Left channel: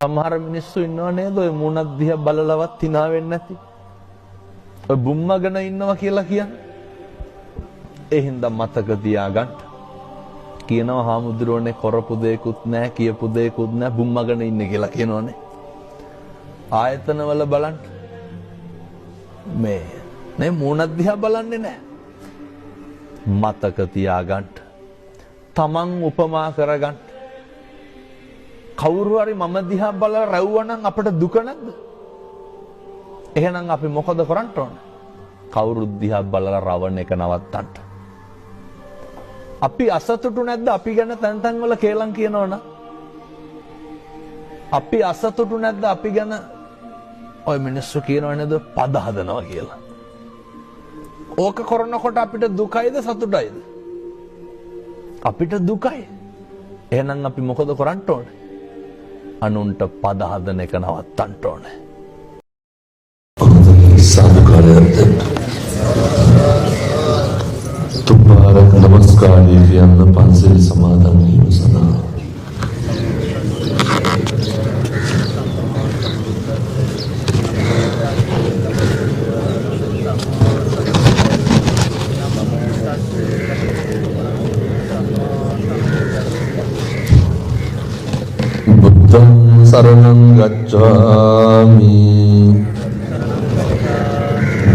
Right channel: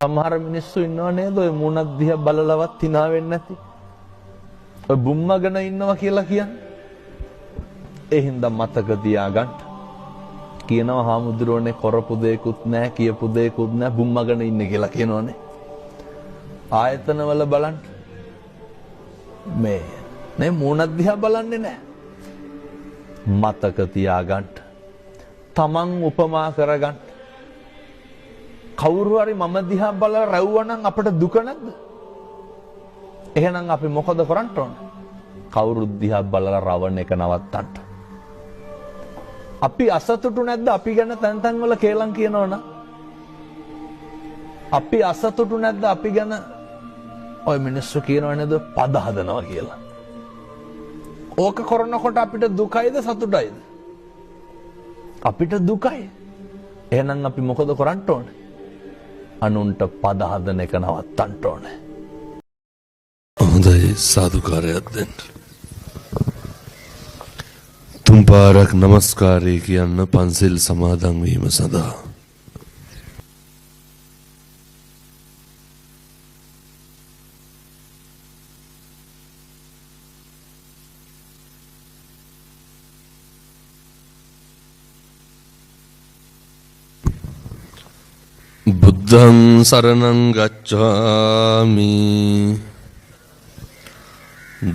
සමහර මිනිස්සු ඉන්නව නේද ඔය මූණක් දිහා බලලවත් hina වෙන්නේ නැති. ඔය බුම්මගෙන ඉන්නවා කියලා කියන්නේ. ඒ හින්දා මතක තියාගන්න. කියනවා හාමුදුරුවනේ කරපු දෙයක්වත් නැහැ කියපු දෙයක්වත් නැහැ බුම්මගෙන ඉන්නේ කියලා කියනවනේ. ආයතනවල බලන්න. මේ මූණක් දිහා බලන්නේ නැහැ. මතක තියාගන්න. තමන් උපමා කරගන්න. කවුරු හරි මම දිහා බලලා රැව්වනම් අපිට දුක නැද්ද? එහෙනම් අපි මොකද කරන්න ඕන? කවුරු දිහා බලලා රවණ එක නවත්තන්න. අපි අසතුටු නැද්ද අපි ගැන තැන් තැන් වල කේලම් කියනවනම්? අපි අසතුටු නැද්ද අපි ගැන ඔය මිනිස්සු කියනව නේද පද හදනවා කියලා. ඕක කරනකොට අපිට දුකයිද සතුටයිද? අපිට දුකයි. එහෙනම් අපි මොකද කරන්න ඕනේ? අනුන්ට පද හදන එක නවත්තන්න ඕනේ. හොඳයි සාදුකාරයක්ද? තුන් පාරක් නමස්කාරය කියන්න පන්සිල් සමාදන් වීම සඳහා. බුද්ධං සරණං ගච්ඡාමි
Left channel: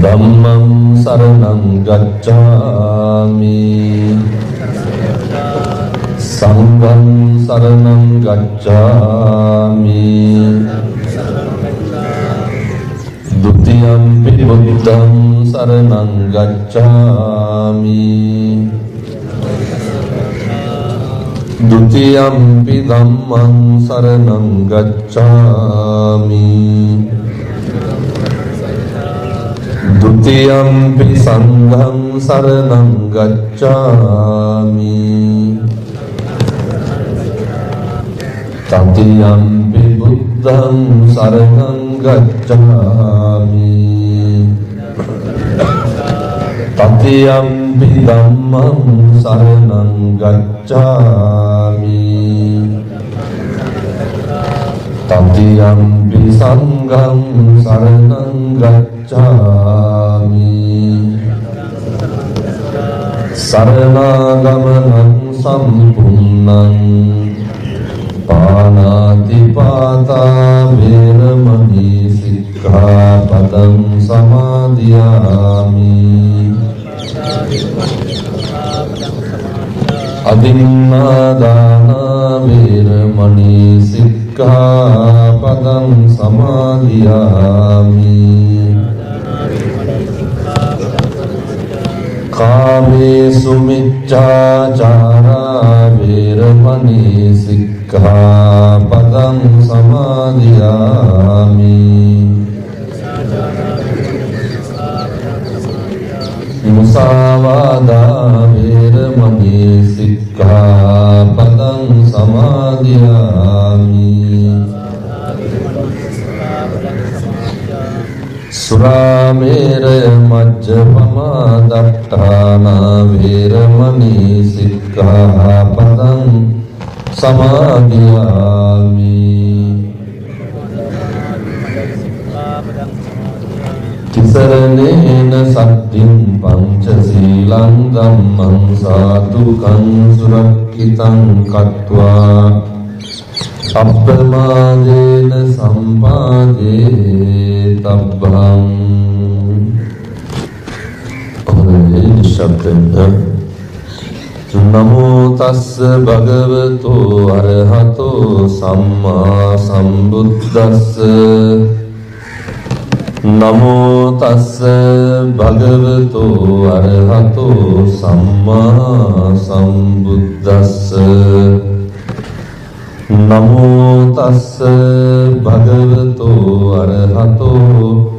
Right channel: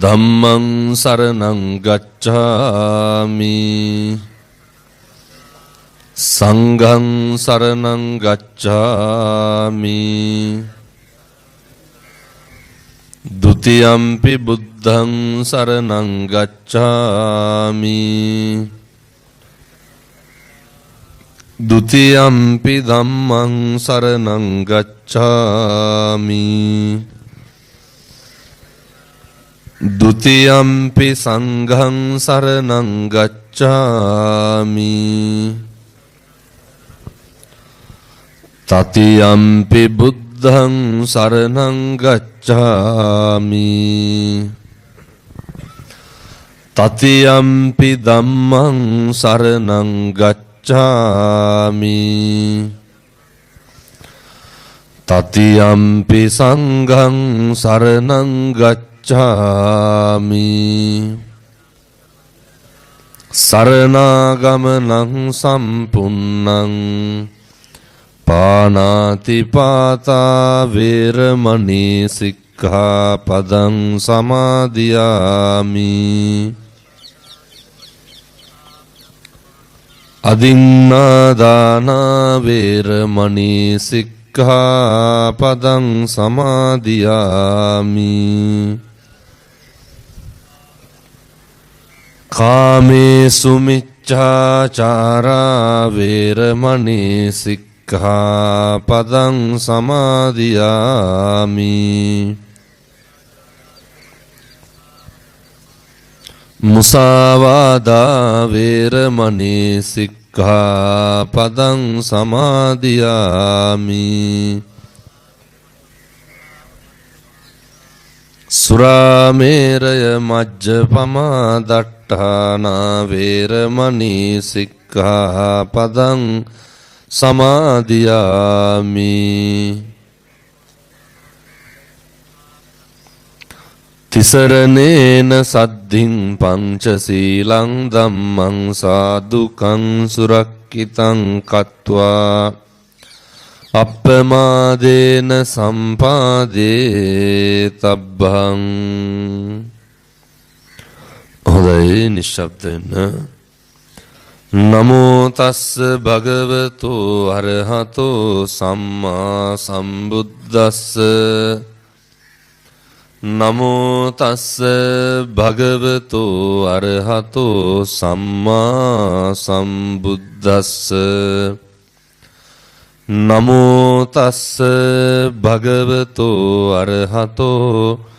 ධම්මං සරණං ගච්ඡාමි සංඝං සරණං ගච්ඡාමි ဒ ුතියම්පි බුද්ධං සරණං ගච්ඡාමි द्वितीयम्पि धम्मं शरणं गच्छामि द्वितीयम्पि संघं शरणं गच्छामि तृतीयम्पि बुद्धं शरणं गच्छामि तृतीयम्पि धम्मं शरणं गच्छामि तृतीयम्पि संघं शरणं गच्छामि शरणागमनं सम्पूर्णं पाणातिपाता वेरमणि सिक्खापदं समादियामि අදින්නාදානා වේරමණී සික්ඛාපදං සමාදියාමි කාමේසු මිච්ඡාචාරා වේරමණී සික්ඛාපදං සමාදියාමි මුසාවාදා වේරමණී සික්ඛාපදං සමාදියාමි සුරාමේරය මජ්ජපමා දට්ඨානා වේරමණී සික්ඛාපදං සමාදියාමි තිසරණේන සද්ධින් පංචශීලං ධම්මං සාදුකං සුරක්ඛිතං කତ୍වා අප්පමාදේන සම්පාදේ තබ්බං. හොඳයි නිශ්ශබ්දයෙන්. නමෝ තස්ස භගවතෝ අරහතෝ සම්මා සම්බුද්දස්ස නමෝ තස්ස භගවතෝ අරහතෝ සම්මා සම්බුද්දස්ස නමෝ තස්ස භගවතෝ අරහතෝ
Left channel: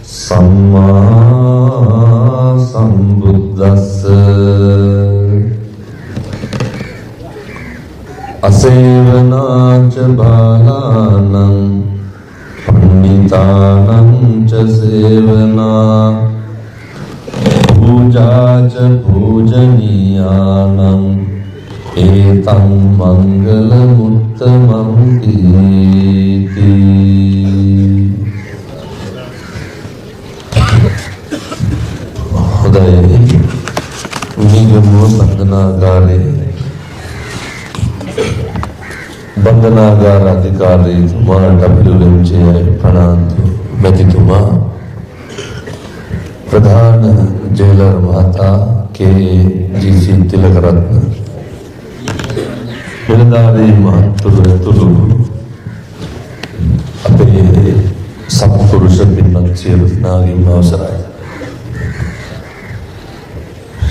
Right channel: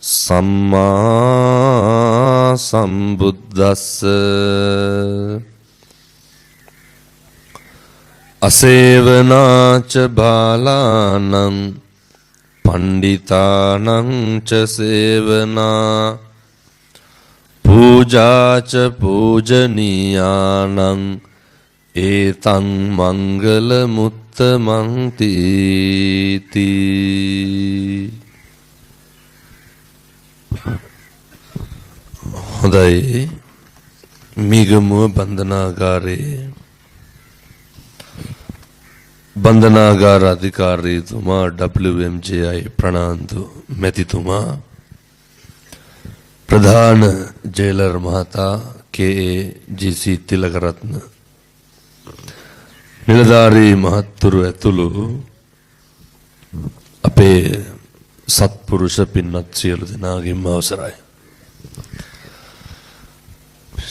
සම්මා සම්බුද්දස්ස අසේවනාච බාලානං පණ්ඩිතානං ච සේවනා පූජාච පූජනීයානං ඒතං මංගල මුත්තමන්ති අවසරයි මිගමුව බන්ධනාගාර අධිකාරීතුමා WMJI ප්‍රනාන්දු මැතිතුමා ප්‍රධාන ජේලර් මහතා KGC තිලකරත්න නිලධාරී මහත්තුරු ඇතුළු අපේ සත්පුරුෂ පින්වත් සියලු දෙනාගේම අවසරයි.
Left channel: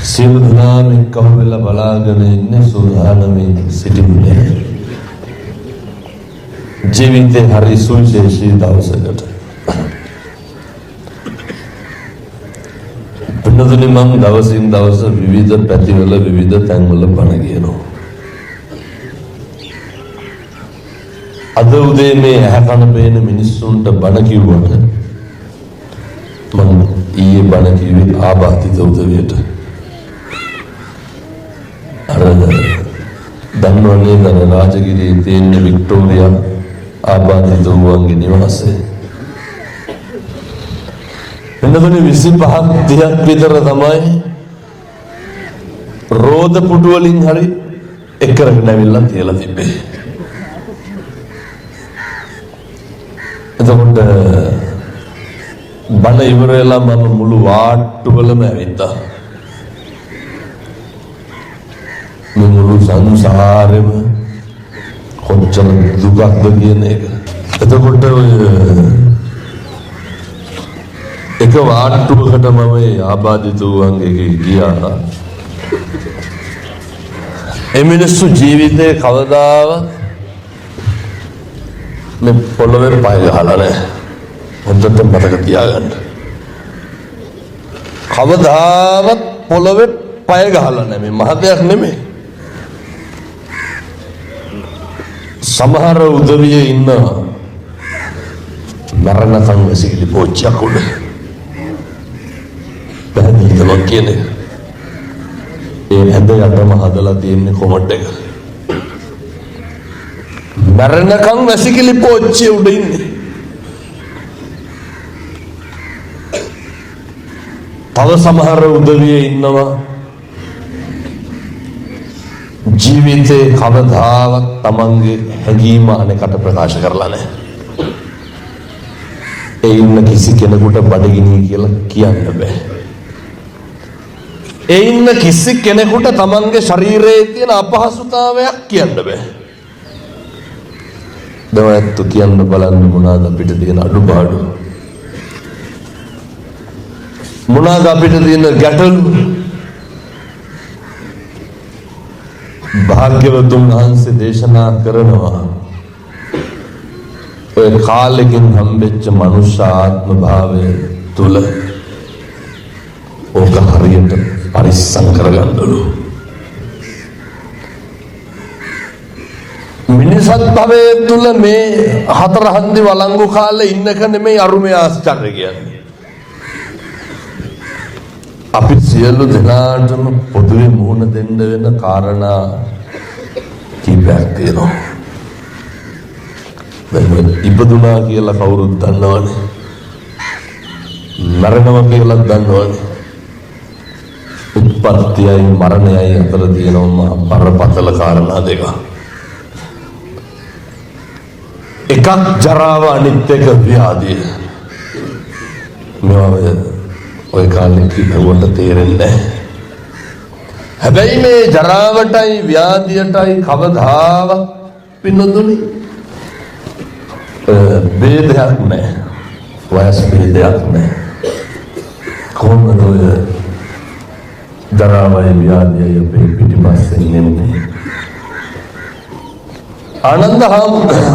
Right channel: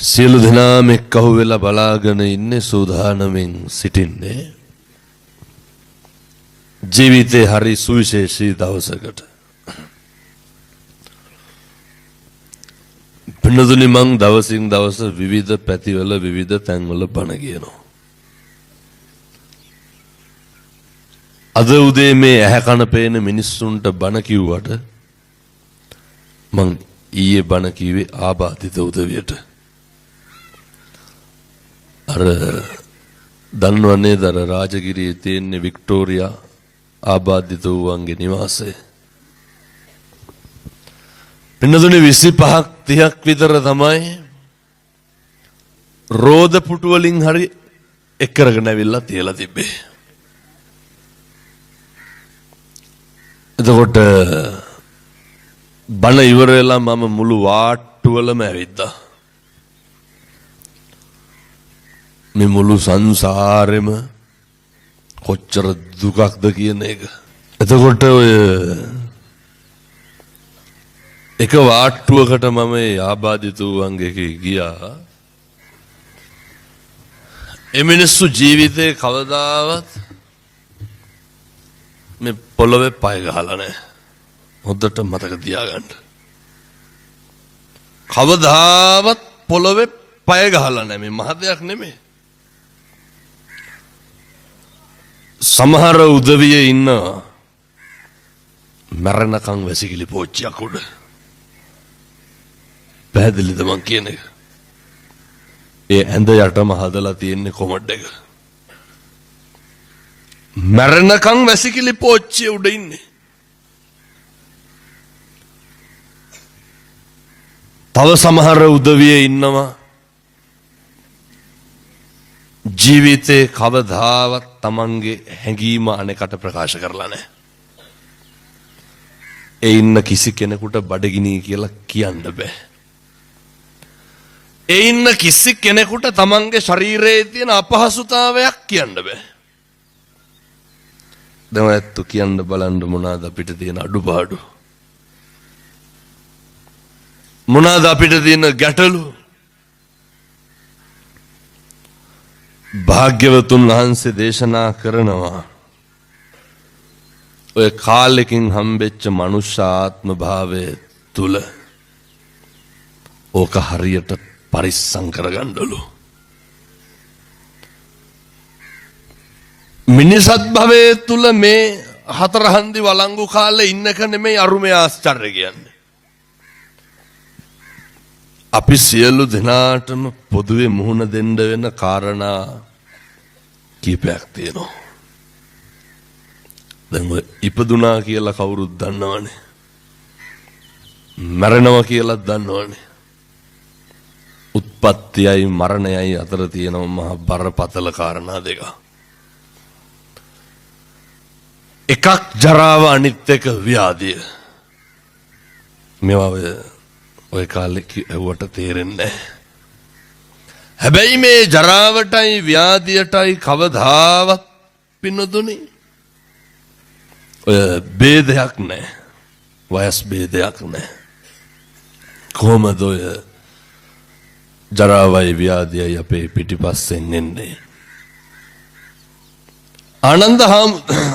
සියලු දෙනාම එක්කහු වෙලා බලාගෙන ඉන්නේ සූදානමින් සිටින්නේ ජීවිතේ හරි සුවිශේෂී දවසකට. පින්නතුනි මං දවසින් දවස විවිධ පැතිවල විවිධ තැන්වල බණ කියනවා. අද උදේ මේ ඇහැ කන පේන මිනිස්සුන්ට බණ කිව්වට මං ඊයේ බණ කිව්වේ ආබාධිත උදවියට. අර දන්නවනේ දන රාජගිරියේ තියෙන වික්ටෝරියා ආබාධිත වූවන්ගේ නිවාසය. පින්නතුනි 25ක් 30ක් විතර තමයි රෝද පුටු වලින් හරි එකරකට ඇවිල්ලා තියලා තිබ්බේ. එතකොට බණ ඉවර වෙලා මම මුළු වාට්ටුවලම ඇවිත්තා. මේ මුළු සංසාරෙම කොච්චර දුකක්ද කියන එක. එතකොට එක වාට්ටුවකට මම ආබාධිත වූවන්ගේ ගියා. ඒ මිනිස්සු ජීවිතේ කවදාවත් මේ පොළවේ පය ගහලා නැහැ. හොඳට මතක තියාගන්න. කවදාවත් පොළවේ පය ගහලා නැහැ. මේ මහ දෙයක් නෙමෙයි. සමහර උදවියේ ඉන්නවා මරණකම් වැසිකිලි පෝච්චියක් උඩ. පැහැදිලිද මං කියන්නේ? ඒ ඇඳ යටම හදලා තියෙන්නේ කොමඩ් එක. මරණකම් වැසිකිලි පෝච්චිය උඩ ඉන්නේ. තව සමහර උදවියේ ඉන්නවා ජීවිතේ කවදාවත් තමන්ගේ හැඟීම අනෙකට ප්‍රකාශ කරලා නැහැ. ඒ ඉන්න කිසි කෙනෙකුට බඩගිනි කියලා කියන්න බෑ. ඒ ඉන්න කිසි කෙනෙකුට තමන්ගේ ශරීරයේ තියෙන අපහසුතාවයක් කියන්න බෑ. දෙමයත් කියන්න බලන්න මොනවාද අපිට තියෙන අඩුපාඩු? මොනවාද අපිට තියෙන ගැටලු? භාග්‍යවතුන් වහන්සේ දේශනා කරනවා ඔය කාලෙකින් හම්බෙච්ච මනුෂ්‍ය ආත්ම භාවය තුල ඕක හරියට පරිස්සම් කරගන්නලු. මිනිසත් භවයේ තුල මේ හතර හන්දි වළංගු කාලේ ඉන්නක නෙමෙයි අරුමේ ආශ්චර්ය කියන්නේ. අපි සියලු දෙනාටම පොදුවේ මුහුණ දෙන්න වෙන කාරණා කීපයක් තියෙනවා. දැන් ඉපදුනා කියලා කවුරුත් දන්නවනේ. මරණවා කියලා දන්නවනේ. උත්පත්තියයි මරණයයි අතර තියෙනවා බරපතල කාරණා දෙක. එකක් ජරාව අනිත් එක ව්‍යාධිය. මේවා ඔය කාලේ කිව්වට තේරෙන්නේ නැහැ. හැබැයි මේ ජරාවටයි ව්‍යාධියටයි කවදාවත් පින්නතුනි බේදයක් නැහැ. වයස් බේදයක් නැහැ. කොහොමද ඔය ජරාවයි ව්‍යාධියයි අපේ පිටිපස්සෙන් එන්නේ? ආනන්ද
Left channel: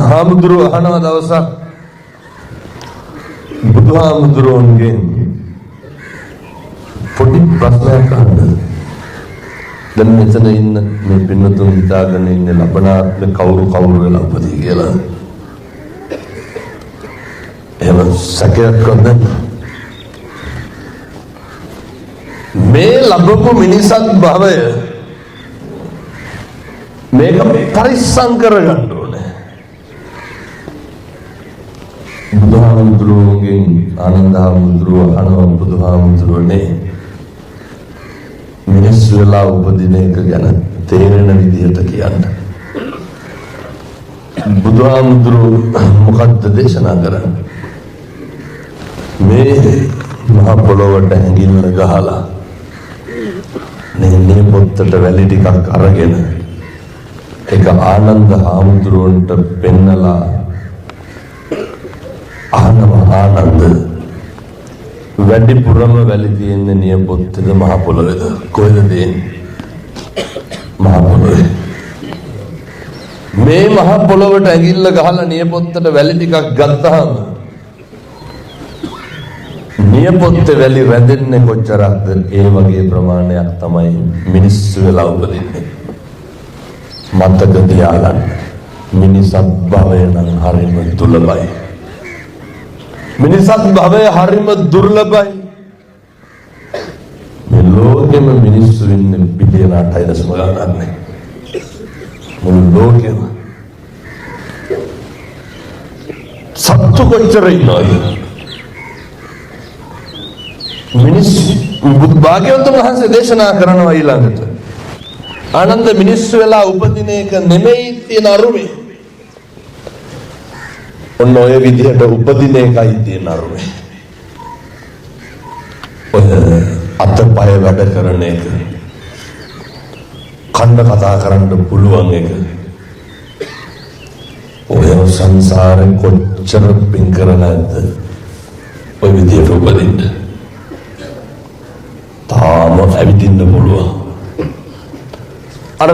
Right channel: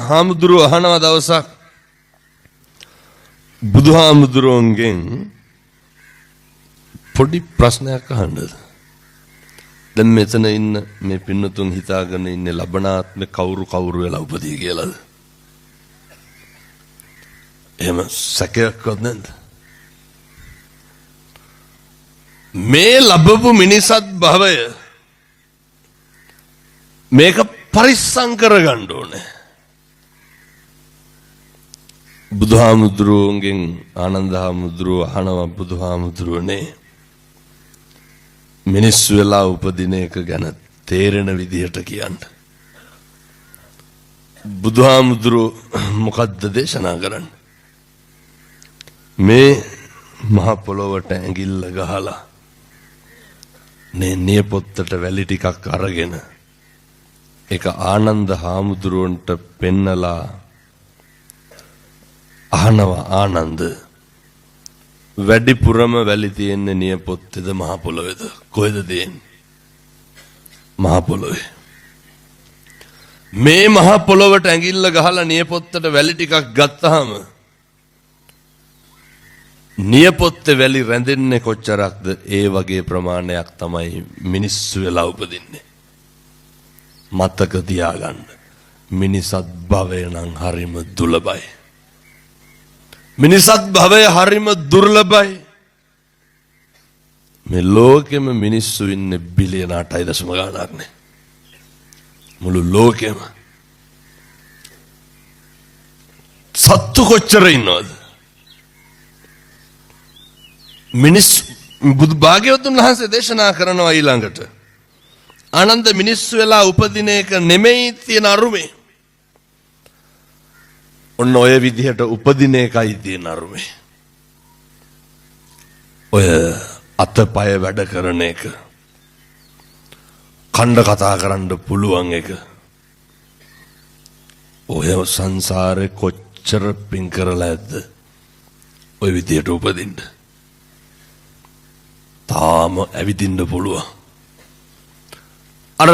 හාමුදුරුව අහනවා දවසක් බුදුහාමුදුරුවන්ගෙන් පොඩි ප්‍රශ්නයක් අහන්නද? දැන් මෙතන ඉන්න මේ පින්නතුන් හිතාගෙන ඉන්නේ ලබනාත්ම කවුරු වෙලා උපදී කියලා. එහෙම සැකයක් නැද්ද? මේ ලැබපු මිනිසත් භවය මේක පරිස්සම් කරගන්න ඕනේ. බුදුහාමුදුරුවන්ගෙන් ආනන්ද හාමුදුරුව අහනවා බුදුහාමුදුරුවනේ මිනිස්සු වෙලා උපදින එක ගැන තේරෙන විදිහට කියන්න. බුදුහාමුදුරුවෝ මොකක්ද දේශනා කරන්නේ? මේ මහ පොළොවට ඇඟිල්ල ගහලා නේ පොත්තට වැලි ටිකක් අරගෙන ඒක ආනන්ද හාමුදුරුවන්ට පෙන්නලා අහනවා, ආනන්ද වැඩිපුරම වැලි තියෙන්නේ නියපොත්තේද මහ පොළොවේද? කොහෙද තියෙන්නේ? මහ පොළොවේ. මේ මහ පොළොවට ඇඟිල්ල ගහලා නියපොත්තට වැලි ටිකක් ගත්තාම නියපොත්තේ වැලි රැඳෙන්නේ කොච්චරක්ද? ඒ වගේ ප්‍රමාණයක් තමයි මිනිස්සු වෙලා උපදින්නේ. මතක තියාගන්න, මිනිසත් භවය නම් හරිම දුර්ලභයි. මිනිසත් භවය හරිම දුර්ලභයි. මේ ලෝකෙම මිනිස්සු ඉන්නේ බිලියන 8.9 ගණනක් නේ. මුළු ලෝකෙම සත්තු කොච්චර ඉන්නවද? මිනිස්සු භාග්‍යවතුන් වහන්සේ දේශනා කරනවා ඊළඟට, ආනන්ද මිනිස්සු වෙලා උපදින එක නෙමෙයි තියෙන අරුමේ. ඔන්න ඔය විදිහට උපදින එකයි තියෙන අරුමේ. ඔය අතපය වැඩ කරන එක, කණ්ඩ කතා කරන්න පුළුවන් එක, ඔය සංසාරේ කොච්චර පින් කරලා ඇද්ද ඔය විදිහට උපදින්න. තාම ඇවිදින්න පුළුවන්. අර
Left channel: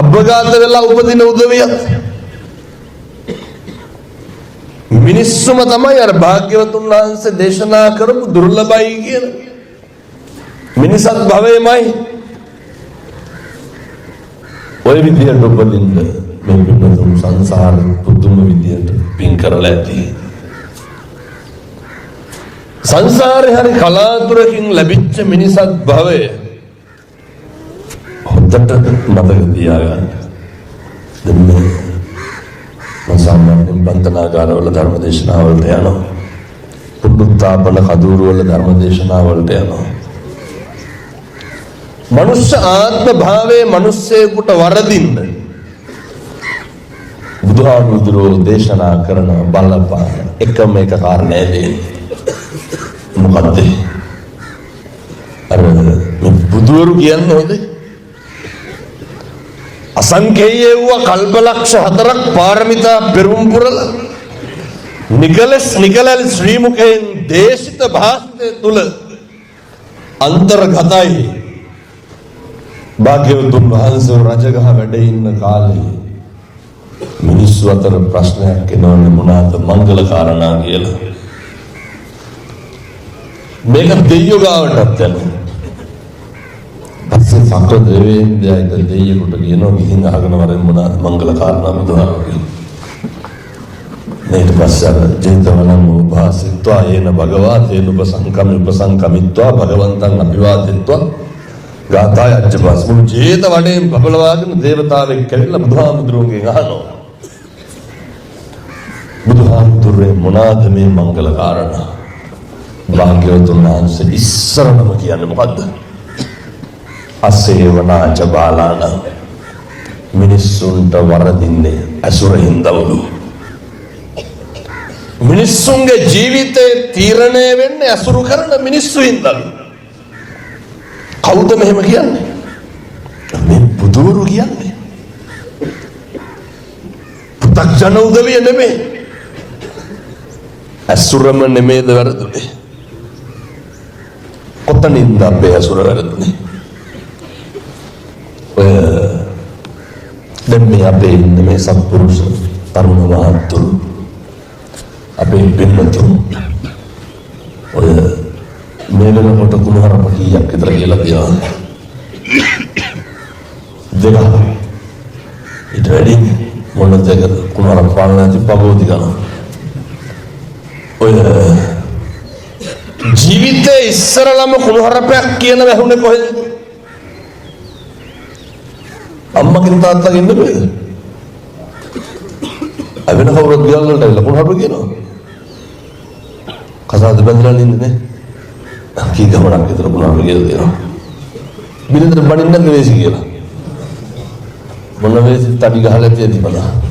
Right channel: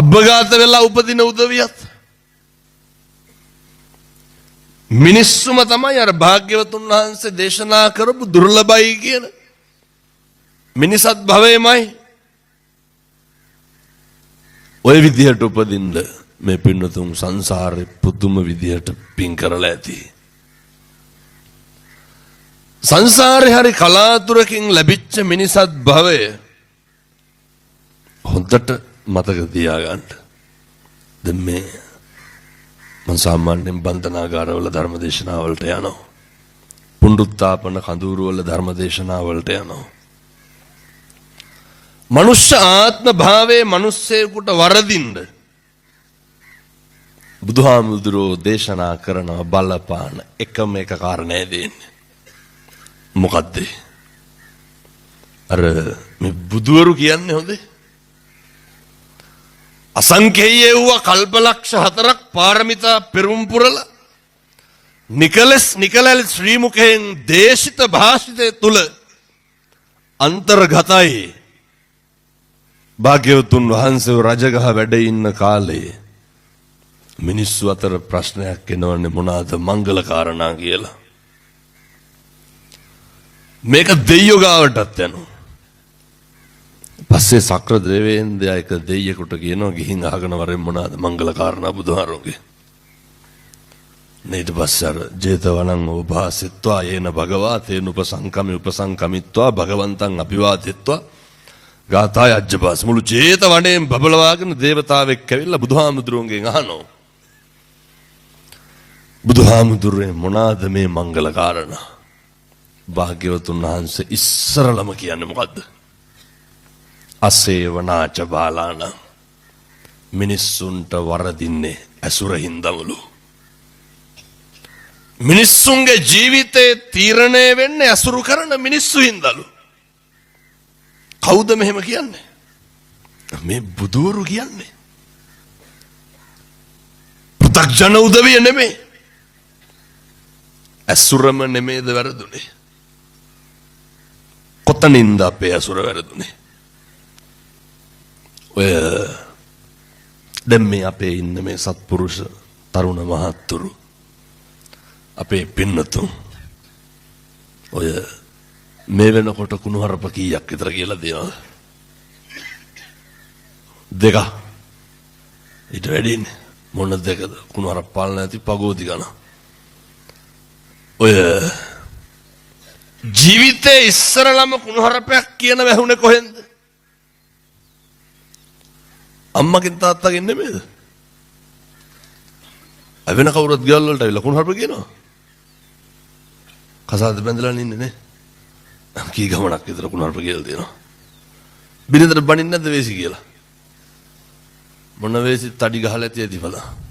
අබ්බගාත වෙලා උපදින උදවියත් මිනිස්සුම තමයි අර භාග්‍යවතුන් වහන්සේ දේශනා කරපු දුර්ලභයි කියන මිනිසත් භවයමයි. ඔය විදිහට උපදින්න මේ පින්නතුන් සංසාරේ පුදුම විදිහට පින් කරලා ඇති. සංසාරේ හරි කලාතුරකින් ලැබිච්ච මිනිසත් භවය හොඳට මතක තියාගන්න. දැන් මේ සාමාන්‍යයෙන් බන්ධනාගාරවල ධර්ම දේශනාවලට යනවා. පුනරුත්ථාපන කඳවුරුවල ධර්ම දේශනාවලට යනවා. මනුෂ්‍ය ආත්ම භාවයේ මිනිස්සෙකුට වරදින්න බුදුහාමුදුරුවෝ දේශනා කරන බලපාන එකම එක කාරණය දෙන්නේ. මොකද්ද? අර මේ බුදුවරු කියන්නේ හොඳේ අසංඛේය වූ කල්පලක්ෂ 4ක් පාරමිතා පෙරම් පුරලා නිකලස් ශ්‍රී මුඛයෙන් දේශිත භාෂිතය තුල අන්තර්ගතයි. භාග්‍යවතුන් වහන්සේ රජගහ වැඩ ඉන්න කාලේ මිනිස්සු අතර ප්‍රශ්නයක් එනවනේ මොනවාද මංගල කාරණා කියලා. මේක දෙයියෝ ගාවටත් යනවා. පස්සේ සක්‍ර දෙවියන්දයා එක දෙයියෙකුට කියනවා ගිහින් අහගෙන වරෙන් මොනවාද මංගල කාරණා බුදුහාරෝගේ. ඊට පස්සේ ජේතවනං උපාසිත්වා යේන භගවා තේන උපසංකමිත්වා භගවන්තං අභිවාදිත්වා ගාථාය අච්චපාස් මුළු ජේතවනයෙන් බබලවාගෙන දේවතාවෙක් කැවිලා බුදුහාමුදුරුවන්ගෙන් අහනවා, බුදුහාමුදුරුවෝ මොනවාද මේ මංගල කාරණා? භාග්‍යවතුන් වහන්සේ ඉස්සරලම කියන්නේ මොකද්ද? අසේවනාච බාලාන, මිනිස්සුන්ට වරදින්නේ අසුරින්දවලු. මිනිස්සුන්ගේ ජීවිතේ තීරණය වෙන්නේ අසුරු කරන මිනිස්සු හින්දලු. කවුද මෙහෙම කියන්නේ? මේ බුදුවරු කියන්නේ. පු탁ජන උදවිය නෙමෙයි. අසුරම නෙමෙයිද වැරදුනේ? කොතනින්ද අපේ අසුර වැරදුනේ? ඔය දැන් මේ අපේ ඉන්න මේ සත්පුරුෂ තරුණ මහත්තුරු අපේ පින්නතුන් ඔය මේ වෙනකොට කුණහරප කීයක් විතර කියලා තියනවා? දෙක. ඊට වැඩි මොන දෙකද? කුණහරප පාලන ඇති පබෝති ගන්න. ඔය ජීවිතේ ඉස්සරලම කුණහරපයක් කියන වැහුනේ කොහෙද? අම්මකින් තාත්තකින් නෙමෙයි. අවෙන කවුරුත් ගියල් වලට ඇවිල්ලා කුණහරප කියනවා. කසාද බඳලා ඉන්නේ නේ. කී ගමනක් විතර කුණහරප කියලා දෙනවා. බිරිඳට බණින්න නැද්ද වේසි කියලා? මොන වේසි තඩි ගහලා තියෙදි බලන්න.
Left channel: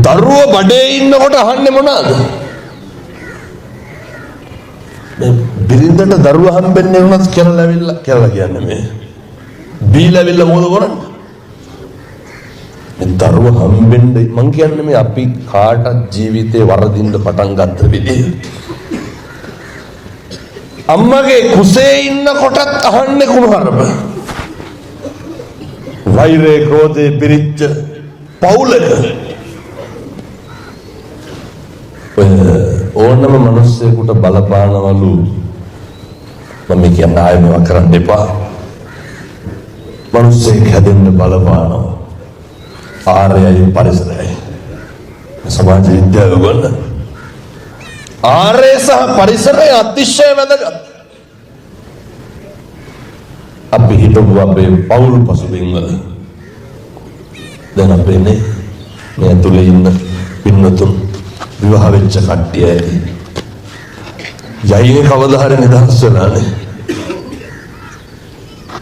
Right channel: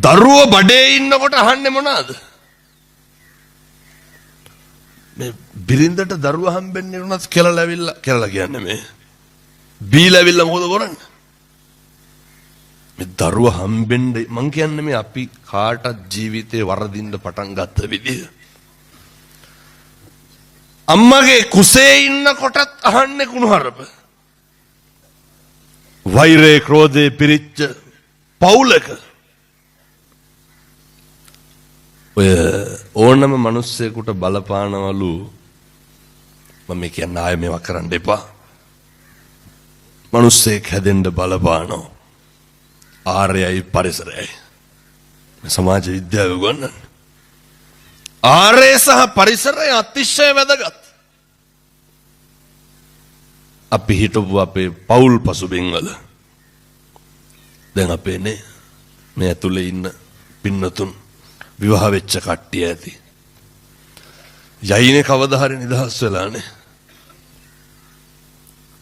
දරුවෝ බඩේ ඉන්නකොට අහන්නේ මොනවාද? මේ බිරිඳට දරුවා හම්බෙන්නේ වුණත් කියලා ඇවිල්ලා කියලා කියන්නේ මේ. බීලා ඇවිල්ලා මොකද කරන්නේ? මේ දරුවා හම්බෙන්නේ මං කියන්නේ මේ අපි කාටත් ජීවිතේ වරදින්න පටන් ගත්ත විදිහ. අම්මගේ කුසේ ඉන්නකොටත් අහන්නේ කුණුහරුප. වෛරේ ක්‍රෝධේ පිරිච්ච පවුලක ඕනම මිනිස්සෙකුට බලපානවලු මම කියන්නේ ආයෙ මේවා කරන්න එපා. මිනිස්සෙක් හැදෙන්න බලපානවා. ආර්යයි පරිසරයයි. සමාජ විද්‍යාව ගන්න. ආර්ය සහ පරිසරය අතිශය වැදගත්. අපි හිතමු අපේ පවුල් පසුබිම් වල දැන් අපේ මේ ඇතුලේ ඉන්න පින්නතුන් විවාහ වෙච්ච කට්ටිය ඇති. යයිනේ කවදා හරි නිදහස් වෙලානේ.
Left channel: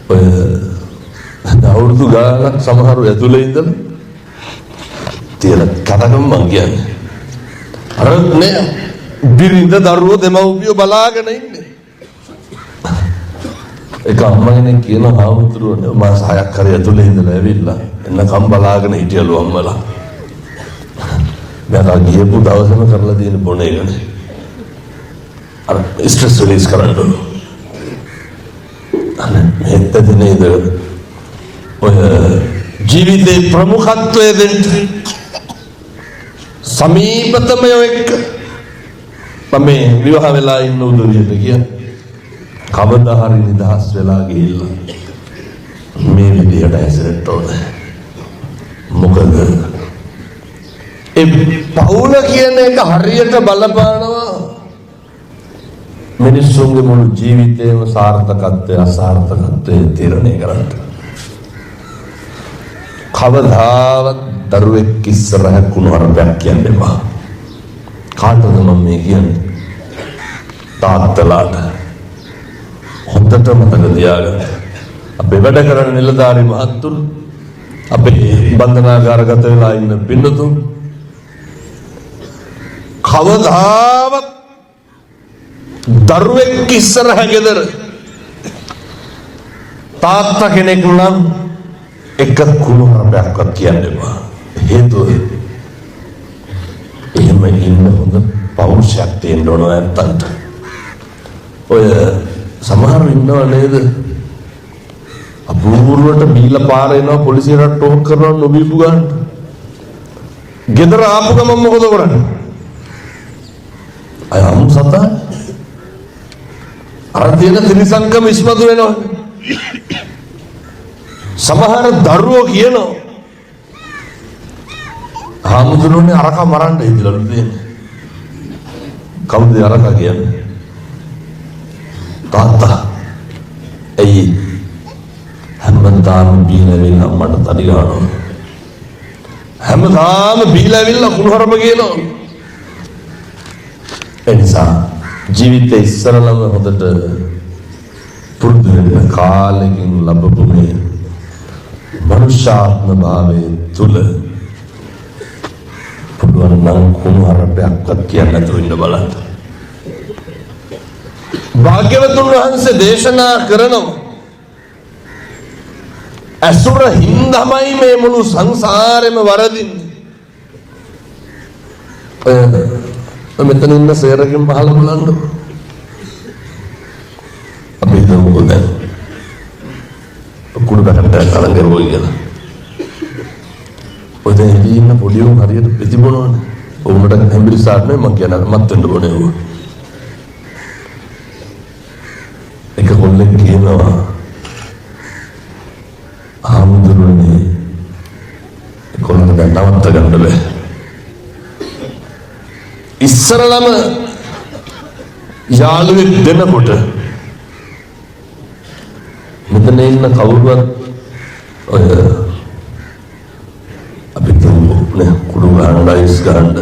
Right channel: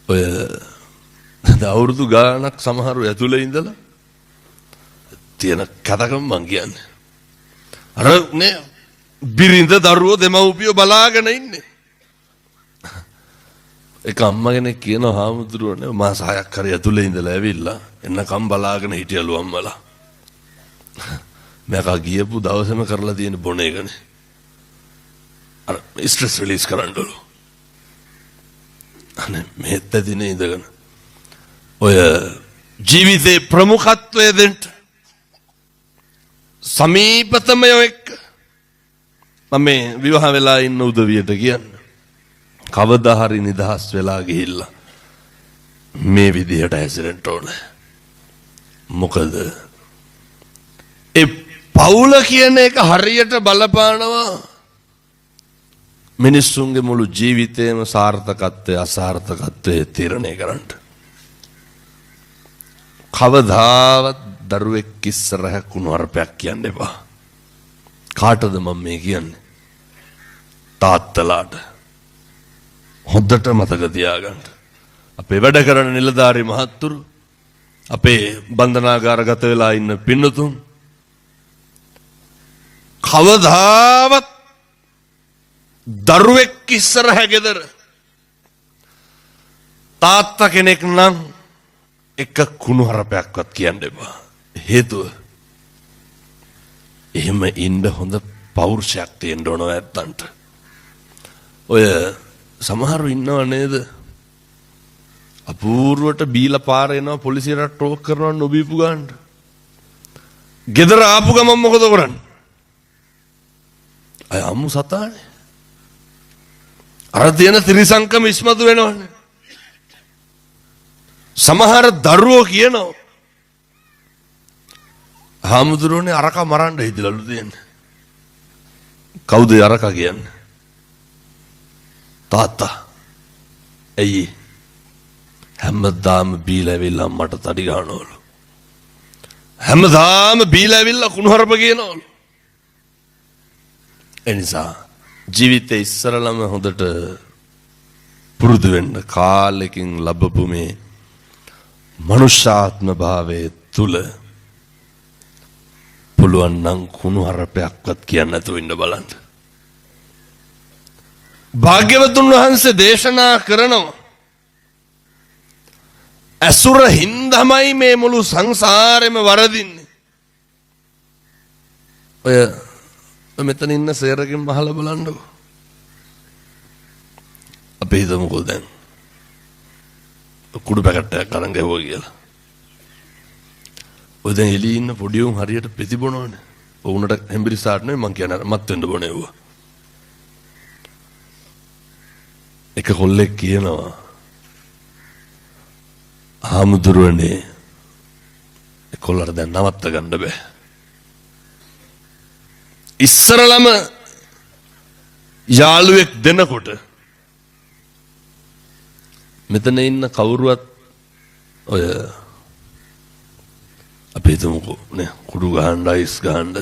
ඔය අවුරුදු ගානක් සමහරව ඇතුලේ ඉඳලා තියෙන කතාවම මං කියන්නේ. අර නේ බිරිඳ දරුවෝ දෙමව්පියෝ බලාගෙන ඉන්නේ. ඒක අම්මගෙන කියන හාමුදුරුවනේ මාස 6ක් හරි ඇතුලේ ඉඳලා ඇවිල්ලා එන්නකම් බලාගෙන හිටියලු අම්මලා. මම ගියපු දවසේම කරලා තියෙන බොන එකනේ. අර ස්ට්‍රෙස් රිලීස් කරන්න ඕන. අනේ මෙතන නේද ඔය ජීවිතේ ප්‍රමුඛත්වය දෙන්න සමීපතම එක්ක මම විවාහ වෙලා ඉන්න උදවියට කියන්නේ කවදා හරි නිදහස් වෙලා ගිහිල්ලා මේ විදිහට ඇසෙන්න ඕනේ. මොකද ඒ පවුල කියන එක හරියට බලපානවා මිනිස්සුන්ගේ මුළු ජීවිතේම සාර්ථකත්වය අසාර්ථකත්වය තීරණය කරන්න. කවදාවත් දරුවෙක් ඉස්සරහ කුණුහරුපයක් කියන්න එපා. කාටද මම මේ කියන්නේ? තාත්තලාට. හොඳට මතක තියාගන්න. අපේ වැඩ කරන නිලධාරි මහත්තුරු, අපේ බන්ධනාගාරගත වෙලා ඉන්න පින්නතුන් කවදාවත් දරුවෙක් ඉස්සරහ ගෙදර තාත්තා කෙනෙක් නම් එක කුණුහරුපයක්වත් කියන්න එපා. හේතුව එහෙම ඉන්න හොඳ පෞරුෂයක් තියෙන්න ඕන නැත්තන්ට. ඔය සමහරව ඉන්නව නේද? අපූර්වට බීලා පාර එනවා පොලිසියට ටෝක් කරනවා නොබීපු ගන්නට. ගෙදර ආපු ගමන් මොකද කරන්නේ? අය අමු සතා අර තියෙන ත්‍රිසංකම ඉස්මතු වෙනවා. සමහර දරුවෝ කියනවා හාමුදුරුවනේ අරක මරන්න ඉදලලු දෙන්නේ. කවුද අරක කියන්නේ? තාත්තා. ඇයි හැමදාම බීලා වෙලා මට තඩි ගන්නවා. හැමදාම බීලා වෙලා කුණුහරුප කියනවා. එනිසා ජීවිතේ ඉස්සරළම හොඳට පුරුදු වෙන්න කාලෙකින් ලැබපු මේ මනුෂ්‍යාත්ම භාවයේ තුල පුළුවන් නම් කුණුහරුපයක්වත් කියන්න නැතුව ඉන්න බලන්න. භාග්‍යවතුන් වහන්සේ දේශනා කරනවා අසුර හින්දාමයි මේ මුළු සංසාරෙම වරදින්නේ. ඔය මෙතන ඉන්න සේරගෙන් පහලා බලන්න. අපි හිතමුකෝ දැන් කුඩු පැකට්ටයක් අරන් ගිහුවා කියලා. ඔය දැන් එළියේ ඉන්න පොඩි උන් හරියට ප්‍රතිබොනවනේ. උන්ට හැම්බිරිසාට නෙමෙයි මං කියන මත් වෙන්න ඕනේ ඌ. එක කොල්ලෙක් කියනවා හාමුදුරුවනේ කොල්ලන්ට දැන් නවත්ත ගන්න බෑ. ඉස්සරළම යාළුවෙක් දෙනකොට මෙතන ඉන්න කවුරුවත් ඔය අපි තුමු නේ කුඩු ගන්න ලයිස් ගන්න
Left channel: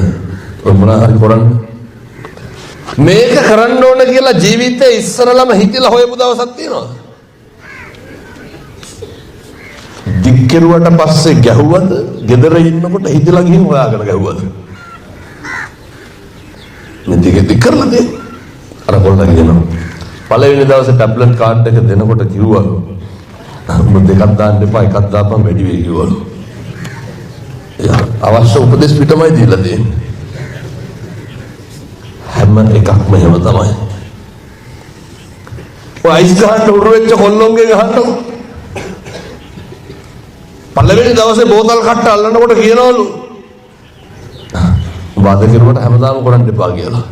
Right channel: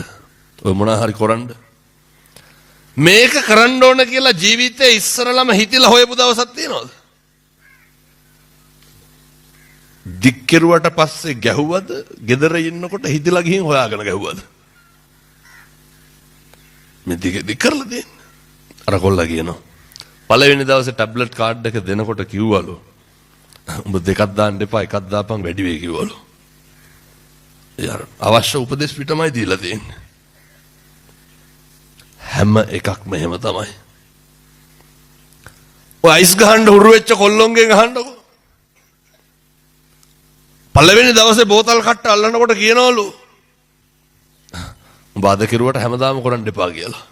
ඔය මොනවා හරි කරන්න මේක කරන්න ඕන කියලා ජීවිතේ ඉස්සරලම හිතලා හොයපු දවසක් තියෙනවද? දික්කරුවට පස්සේ ගැහුවද? ගෙදර ඉන්නකොට හිතලා ගිහින් හොයාගෙන ගැහුවද? මේ දිග කරලා දෙන්න. අර කොල්ලා කියනවා පළවෙනි දවසේ ටැබ්ලට් කාඩ් එක දෙනකොට කිව්වලු උඹ දෙකක් දාන්න එපා එකක් දාපන් වැඩි වෙයි කිව්වලු. අවශ්‍ය උපදෙස් පිටමයි දීලා දෙන්නේ. හැම එකක්ම එහෙම තමයි. ඔය අයිස් ගහන්න උරු වෙච්ච කොල්ලොන්ගේ ගහන්නකො. පළවෙනි දවසේ බෝතල් කට්ට අල්ලනකොට කියනවලු වාද කෙරුවට හැමදාම කරන්න එපා කියලා.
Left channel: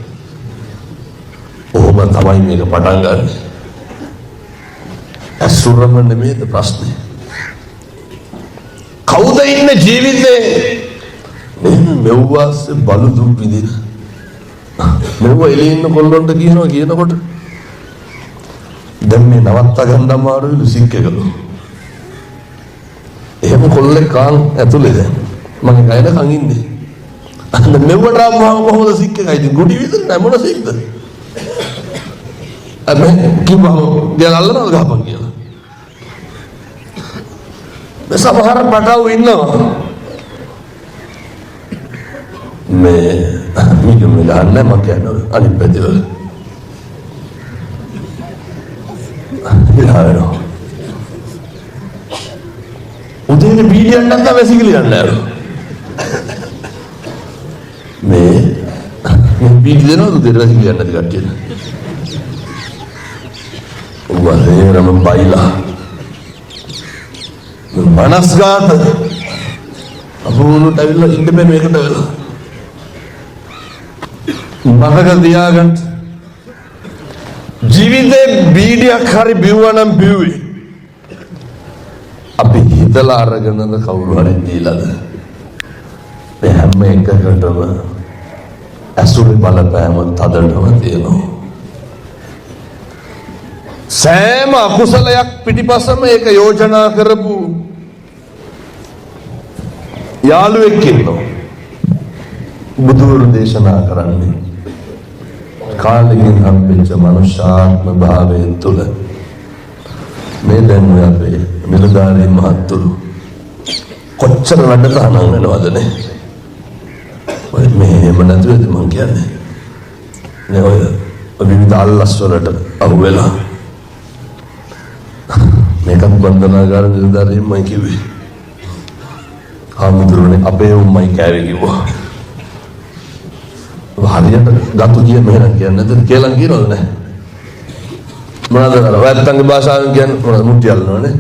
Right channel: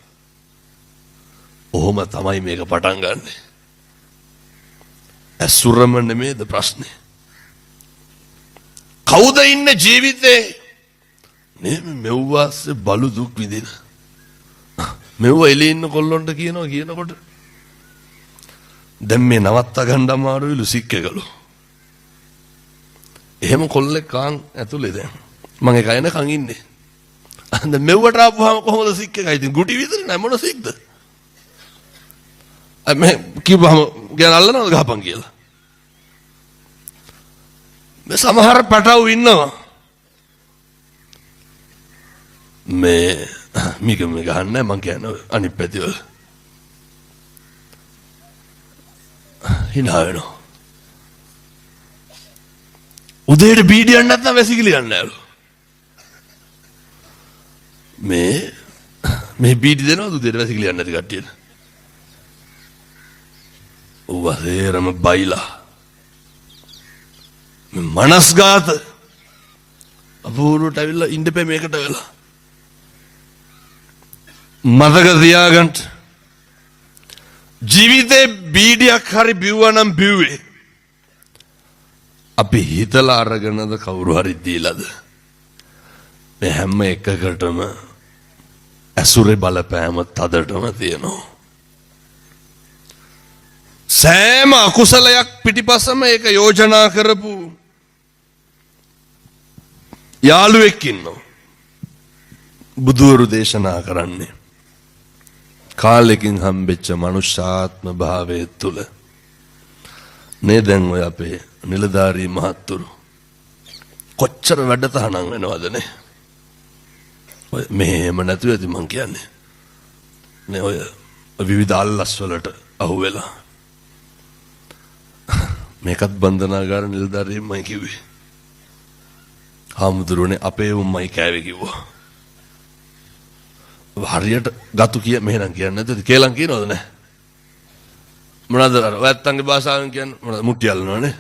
ඔහොම තමයි මේක පටන් ගන්න. අසුරම නෙමෙයිද ප්‍රශ්නේ. කවුද ඉන්නේ ජීවිතේ මෙව්වාස් බලු දුක් විඳින මෙව්ව එලේ ඉන්න කොල්ලොන්ට කියනකොට දැන් මේ නවත්ත ගන්න අමාරුයි සික්කකලු. එහෙම කොල්ලෙක් කාන් ඇතුලේ දැන් මම ඒකයිද කන් ඉන්නේ. අන්න මෙව්වට ආවම කොහොමද සික්කකයි ඉතින් ගුටි විතර නෑ මොන සික්ද? මේ කිව්වම දැන් අල්ලනවද ගහපන් කියලා. සමහර පටව ඉන්නවා මේ මිගම ගන්න මම කියන්නේ අනිත් පැතිවල හිලාවෙනවා. උදේට බීඩියක් නැත්නම් වැසිකිලි යන්නේ මේ බීඩි දෙනවද උදේට වැසිකිලි යන්නේ නැති කට්ටියට? වලේරම බයිලා මනස්ගාත අපෝනුට ඇවිල්ලා ඉන්න බෑ මේකට වෙලා. මතක තියාගන්න ජීවිතේ බීඩියක් හරි බිව්වා නම් බිව්වේ අපි හිතලා අරගෙනද කවුරු හරි දීලාද? මේ හැම එකකටම අසුරි බලපෑම තදටම තියෙනවා. සෑම අකුසලයක් පිටිපස්සම ඒක යෝජනා කරපු යාළුවෙක් ඉන්නවා. බුදුවරු දේශනා කරන්නේ කාලෙකින් හම්බෙච්ච මනුෂ්‍යාත්ම භාවයෙන් තුළ මේ දැන් ඔය අපේ නිලධාරී මහත්තුරු කොච්චර වැඩ තහනම් වෙනවදනේ. ඔය මෙහෙම නැතුවද මං කියන්නේ නේ ඔය විවිධ අල්ලස් වලට අහුවෙලා මේකත් බන්ධනාගාර නිලධාරීන් මයි කිව්වේ. හාමුදුරුවනේ අපේ උම්මයි කෑවේ කිව්වා. හරියට ගතු කිය මෙහෙනම් කියන්නේ නැද්ද කියලා කියනවද නැහැ? මොනවාද වැත්තන්ගේ භාෂාවෙන් කියන්නේ මොනවද මුට්ටි අල්ලනවනේ.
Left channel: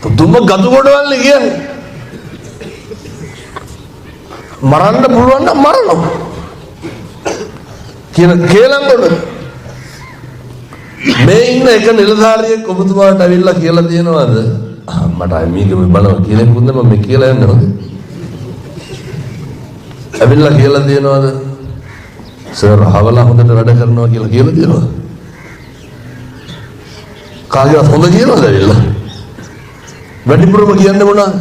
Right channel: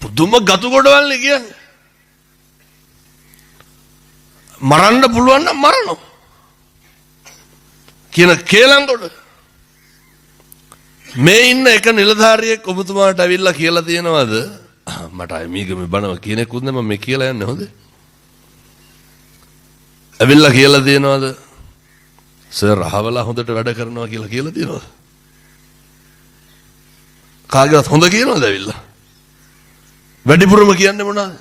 පුදුම ගතු කොටවල්නේ කියන්නේ. මරන්න පුළුවන් නම් මරනවා. කියන කේලම් කොට මේ ඉන්න එක නිලධාරියෙක් ඔබතුමාට අවිල්ලා කියලා දෙනවද? මට මේකම බනව කියලා කුන්නේ මම මේ කියලා යන්නේ නැද්ද? අවිල්ලා කියලා දෙනවද? සර් හවලා හොඳට වැඩ කරනවා කියලා දෙනවද? කාගේවත් හොඳ කියනවද අවිල්ලා? වැඩිපුරම කියන්නේ මොනවද?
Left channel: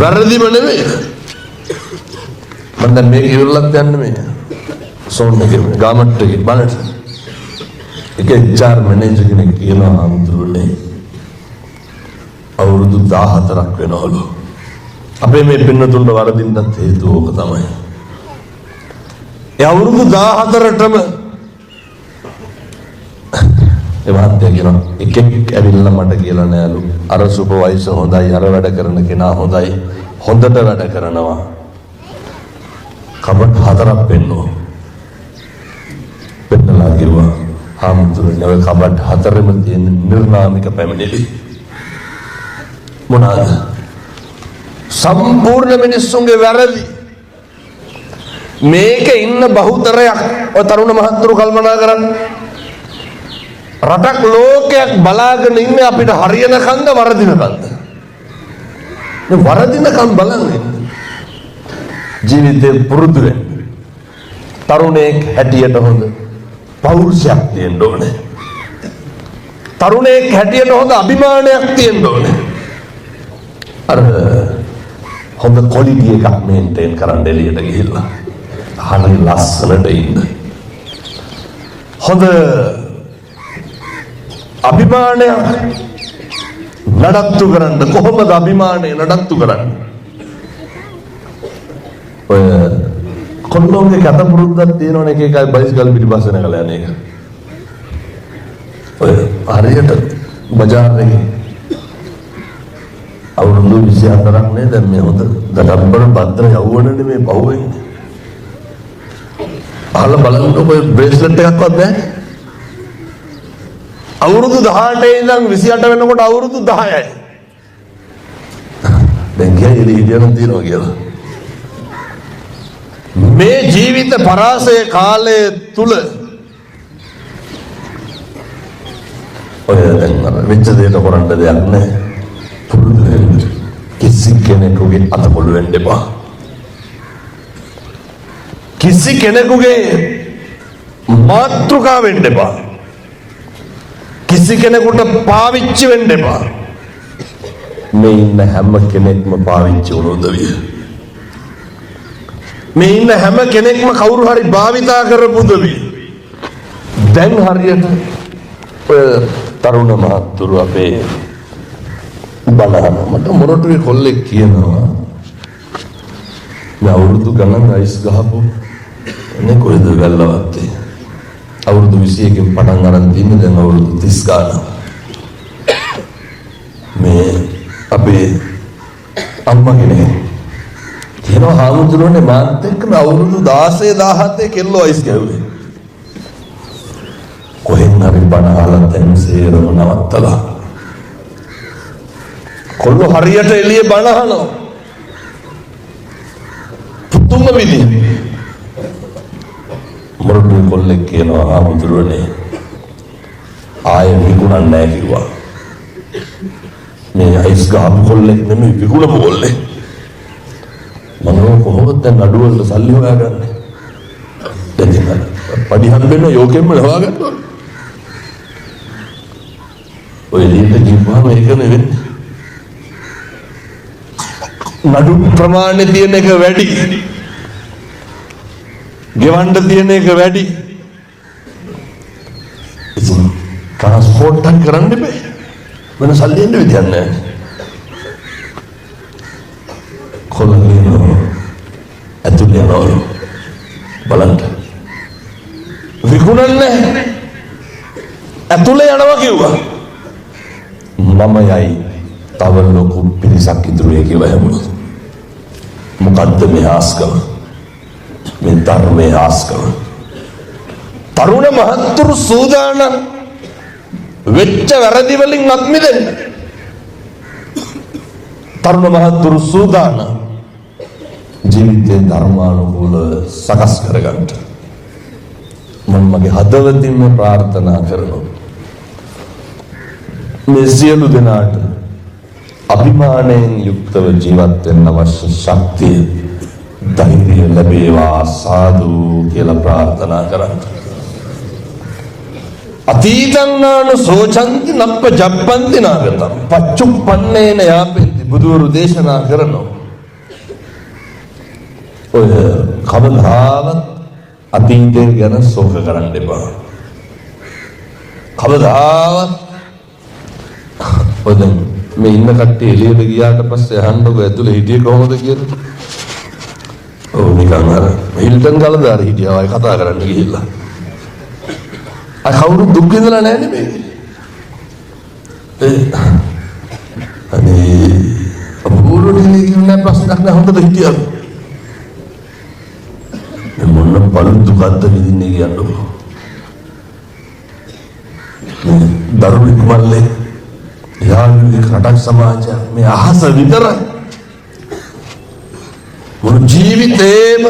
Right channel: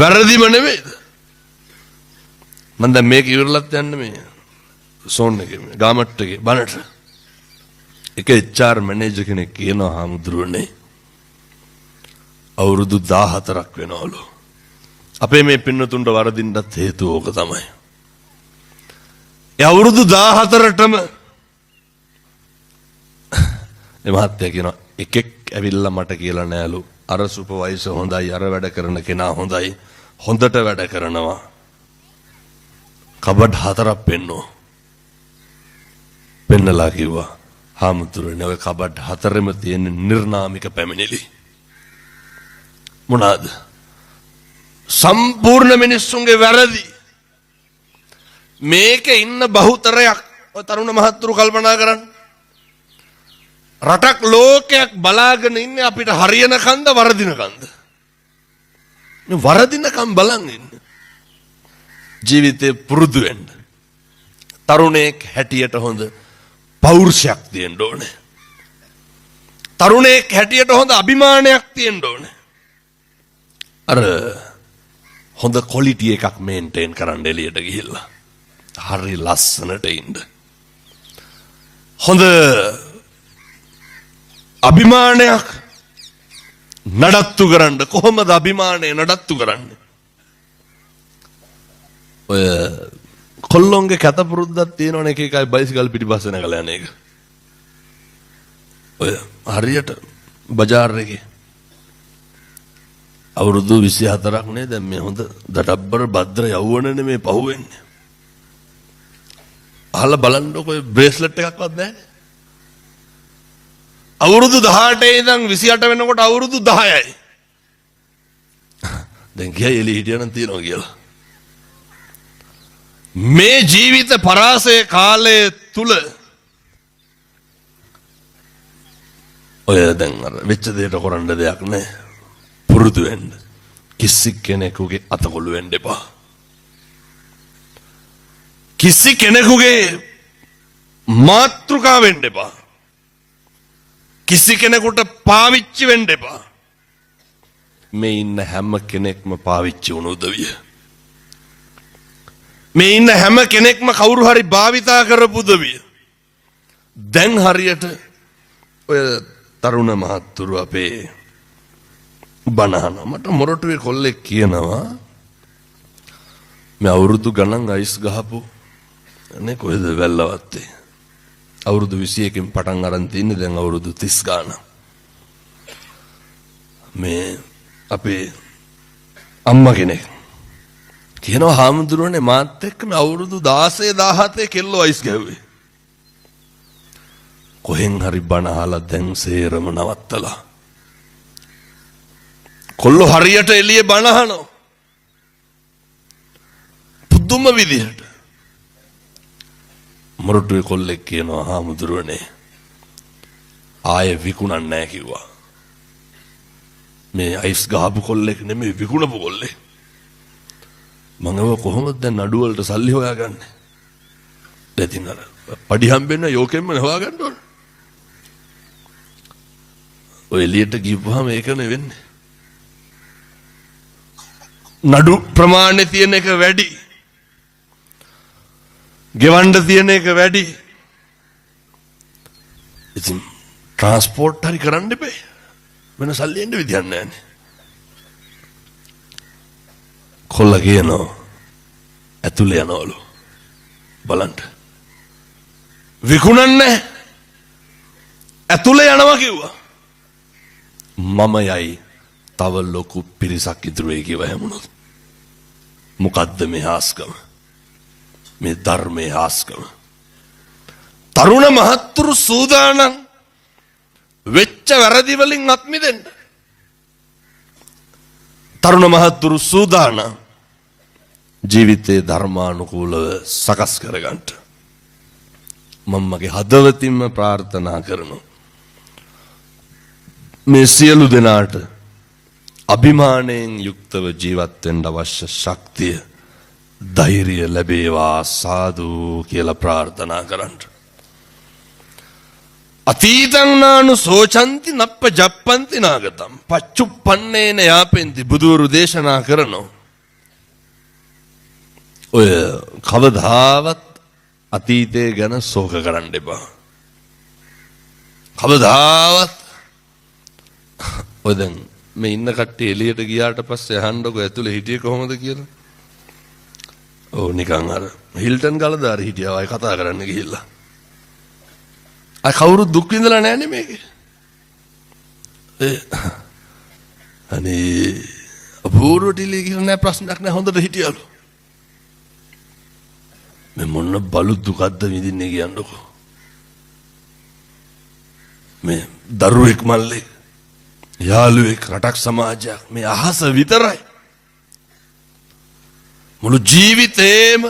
වැරදිම නෙමෙයි. මම දැන් මේක ඉවරලත් යන්න මේ සෝන් එකේ ගාමට් එකේ බනට එක HR මැනේජර් කෙනෙක් කියනවා හාමුදුරුවනේ අවුරුදු 14ක් වෙනවලු අපේ මේ පින්නතුන්ට වරදින්නත් හේතුව ඕක තමයි. ඒ අවුරුදු 14ටම ඒ මහත්තයා කියනවා එකෙක් ඇවිල්ලා මට කියලා නෑලු අර සුපර්වයිසර් හොඳයි අර වැඩ කරන කෙනා හොඳයි හොඳට වැඩ කරනවා කබඩ් 4ක් පෙන්නලා කිව්වා හාමුදුරනේ ඔය කබඩ් 4ෙම තියෙන නිර්නාමික පැමිණිලි මොනවාද? සම්පූර්ණ මිනිස්සුන්ගේ වැරදි. මේක ඉන්න බහුතරයක් ඔය තරුණ මහත්තුරු කල්පනා කරන්න. රටක් ලෝකයක් බලාගෙන ඉන්නේ අපිට හරියන කන්ද වරදින කන්ද? මේ වරදිනකම් බලන්නේ. ජීවිතේ පුරුදු වෙන්න. තරුණයෙක් හැටියට හොඳ පෞරුෂයක් තියෙන්න ඕනේ. තරුණයෙක් හැටියට හොඳ අභිමානයක් තියෙන්න ඕනේ. අර හොඳ ක්වොලිටි එකක් මේන්ටේන් කරන්න එළියට ගිහිල්ලා හරි ලස්සනට ඉන්න. හොඳ අභිමානයක් නඩත්තු කරන්න. කොහොමද අභිමානය නඩත්තු කරන්න? ඔය කොල්ලොන්ගේ කත පුරුද්දක් තියෙනවනේ එක එකයි බයිසිකල් පිටිපස්සේ නැගලා යන එක. ඔය හරියට බජාර් එකේ අවුරුදු 24ක් නේ දැන් මේ හොඳ දඩබ්බර භද්‍ර යවුවනේ මේ පහුවෙන්නේ. අහලා බලන්න ඔය බ්‍රේස්ලට් එකක්වත් නැහැ. අවුරුදු 18 ඉඳන් 28 වෙනකොට අවුරුදු 10යි. දැන් කැලේ හිටියනම් තියනවා කියලා. මේ ජීවිත පරාසය කාලය තුල ඔය දැන් මෙච්ච දෙයට කරන්න දෙයක් නැහැ. පුරුදු වෙන්න. කිසි කෙනෙකුගේ අතකොළු වෙන්න එපා. කිසි කෙනෙකුගේ මාතෘකාව වෙන්න එපා. කිසි කෙනෙකුට පාවිච්චි වෙන්න එපා. මේ ඉන්න හැම කෙනෙක්ම පාවිච්චි වුණු උදවිය. මේ ඉන්න හැම කෙනෙක්ම කවුරු හරි භාවිතා කරපු උදවිය. දැන් හරියට ඔය තරුණ මහත්තුරු අපේ බණහන මට මොරටුවේ කොල්ලෙක් කියනවා මේ අවුරුදු ගණන් අයිස් ගහපු නේ කොහෙද වැල්ලවත්තේ අවුරුදු 21කින් පටන් අරන් තින්නේ දැන් අවුරුදු 30 ගානක් මේ අපේ අම්මා කෙනෙක් කියනවා හාමුදුරනේ මාත් එක්ක මේ අවුරුදු 16 17 කෙල්ලෝ අයිස් ගැහුවේ කොහෙන් හරි බණ අහලා දැන් සේරම නවත්තලා කොල්ලෝ හරියට එළිය බණ අහනවා පුදුම විදියට මොරටුවේ කොල්ලෙක් කියනවා හාමුදුරනේ ආයෙ විකුණන්නේ නැහැ කිව්වා මේ අයිස් ගහපු කොල්ලෙක් නෙමෙයි විකුණපු කොල්ලෙක් මම කොහොමද දැන් නඩු වලට සල්ලි හොයාගන්නේ දැන් ඉතින් පඩි හම්බෙන්න යෝකෙන්ම හොයාගන්න ඕන ඔය එළියට ගිහුවාම ඒක නෙවෙන්නේ නඩු ප්‍රමාණය තියෙන එක වැඩි ගෙවන්න තියෙන එක වැඩි ඉතින් ට්‍රාන්ස්පෝර්ට් හරි කරන්න බෑ වෙන සල්ලි එන්න විදියක් නැහැ කොල්ල කියනවා ඇතුළේ යනවලු බලන්න විකුණන්නේ ඇතුළේ යනවා කිව්වා මම යයි තව ලොකු පිරිසක් ඉතුරුයි කියලා හැමුණා මොකද්ද මේ ආස්කම මේ ධර්මයේ ආස්කම තරුණ මහත්තුරු සූදානම් වෙච්ච වැරදි වලින් අත් මිදෙන්න තරුණ මහත්තුරු සූදානම් ජීවිතේ ධර්මානුකූලව සකස් කරගන්න මම මගේ හදවතින්ම ප්‍රාර්ථනා කරනවා මේ සියලු දෙනාට අභිමානයෙන් යුක්තව ජීවත් වෙන්න අවශ්‍ය ශක්තිය ධෛර්යය ලැබේවා සාදු කියලා ප්‍රාර්ථනා කරන්න. අතීතං නානු සෝචන්ති නප්ප ජප්පන්ති නාගතං පච්චුප්පන්නේන යාපෙන්ති බුදුරු දේශනා කරනවා. ඔය කවදාවත් අතීතය ගැන ශෝක කරන්න එපා. කවදාවත් ඔය දැන් මේ ඉන්න කට්ටිය එළියට ගියාට පස්සේ අහන්නකො ඇතුලේ හිටියේ කොහොමද කියලා. ඔව් නිකන් අර හිල්ටන් ගලදාර හිටියා වයි කතා කරන්න ගිහිල්ලා. අය කවුරු දුක් විඳලා නැහැ නේ මේකේ. අනේ අපූර්වටි කියන්නේ ප්‍රශ්නයක් නෑ හොඳට හිටියා. මේ මොන බලු දුකක්ද විඳින්නේ කියන්නකො. මේ දරුවෙක් මල්ලේ යාළුවෙක් රටක් සමාජයක් මේ අහස විතරයි මුළු ජීවිතේම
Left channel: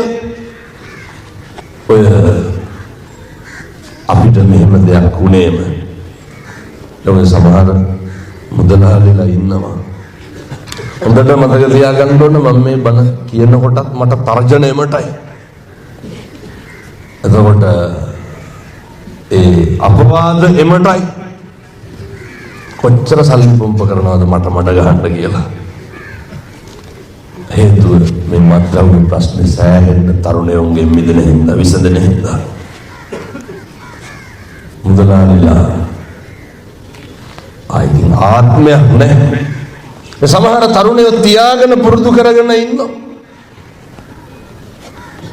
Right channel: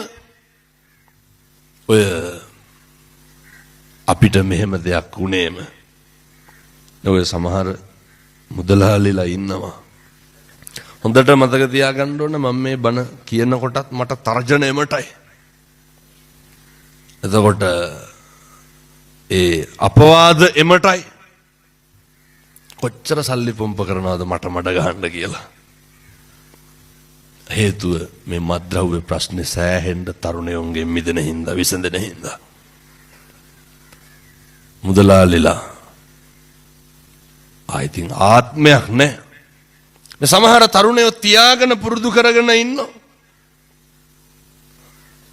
ඔය අපිට මෙහෙම දෙයක් වුණේම ඔය සමහර මුදලාලිලා ඉන්නවා හොඳට මතක තියාගන්න ඕන මම මේ බණ කියනකොටත් මට තර්ජනයමටයි එතකොට ඒ අපවාද එමටයි කොච්චර සල්ලි පොම්ප කරනවද මට ගහන්න කියලා හේතුව මේ මත්ද්‍රව්‍ය ප්‍රශ්නේ සෑහෙන්න තරුණයෝන්ගේ මිදෙන හින්දා විසඳෙන හින්දා මුදලාලිලා ආයිතින් ආත්මයක් නැහැ. සමහර තරුණයෝ තියාගෙන පුරුදු කරගෙන ඉන්නවා.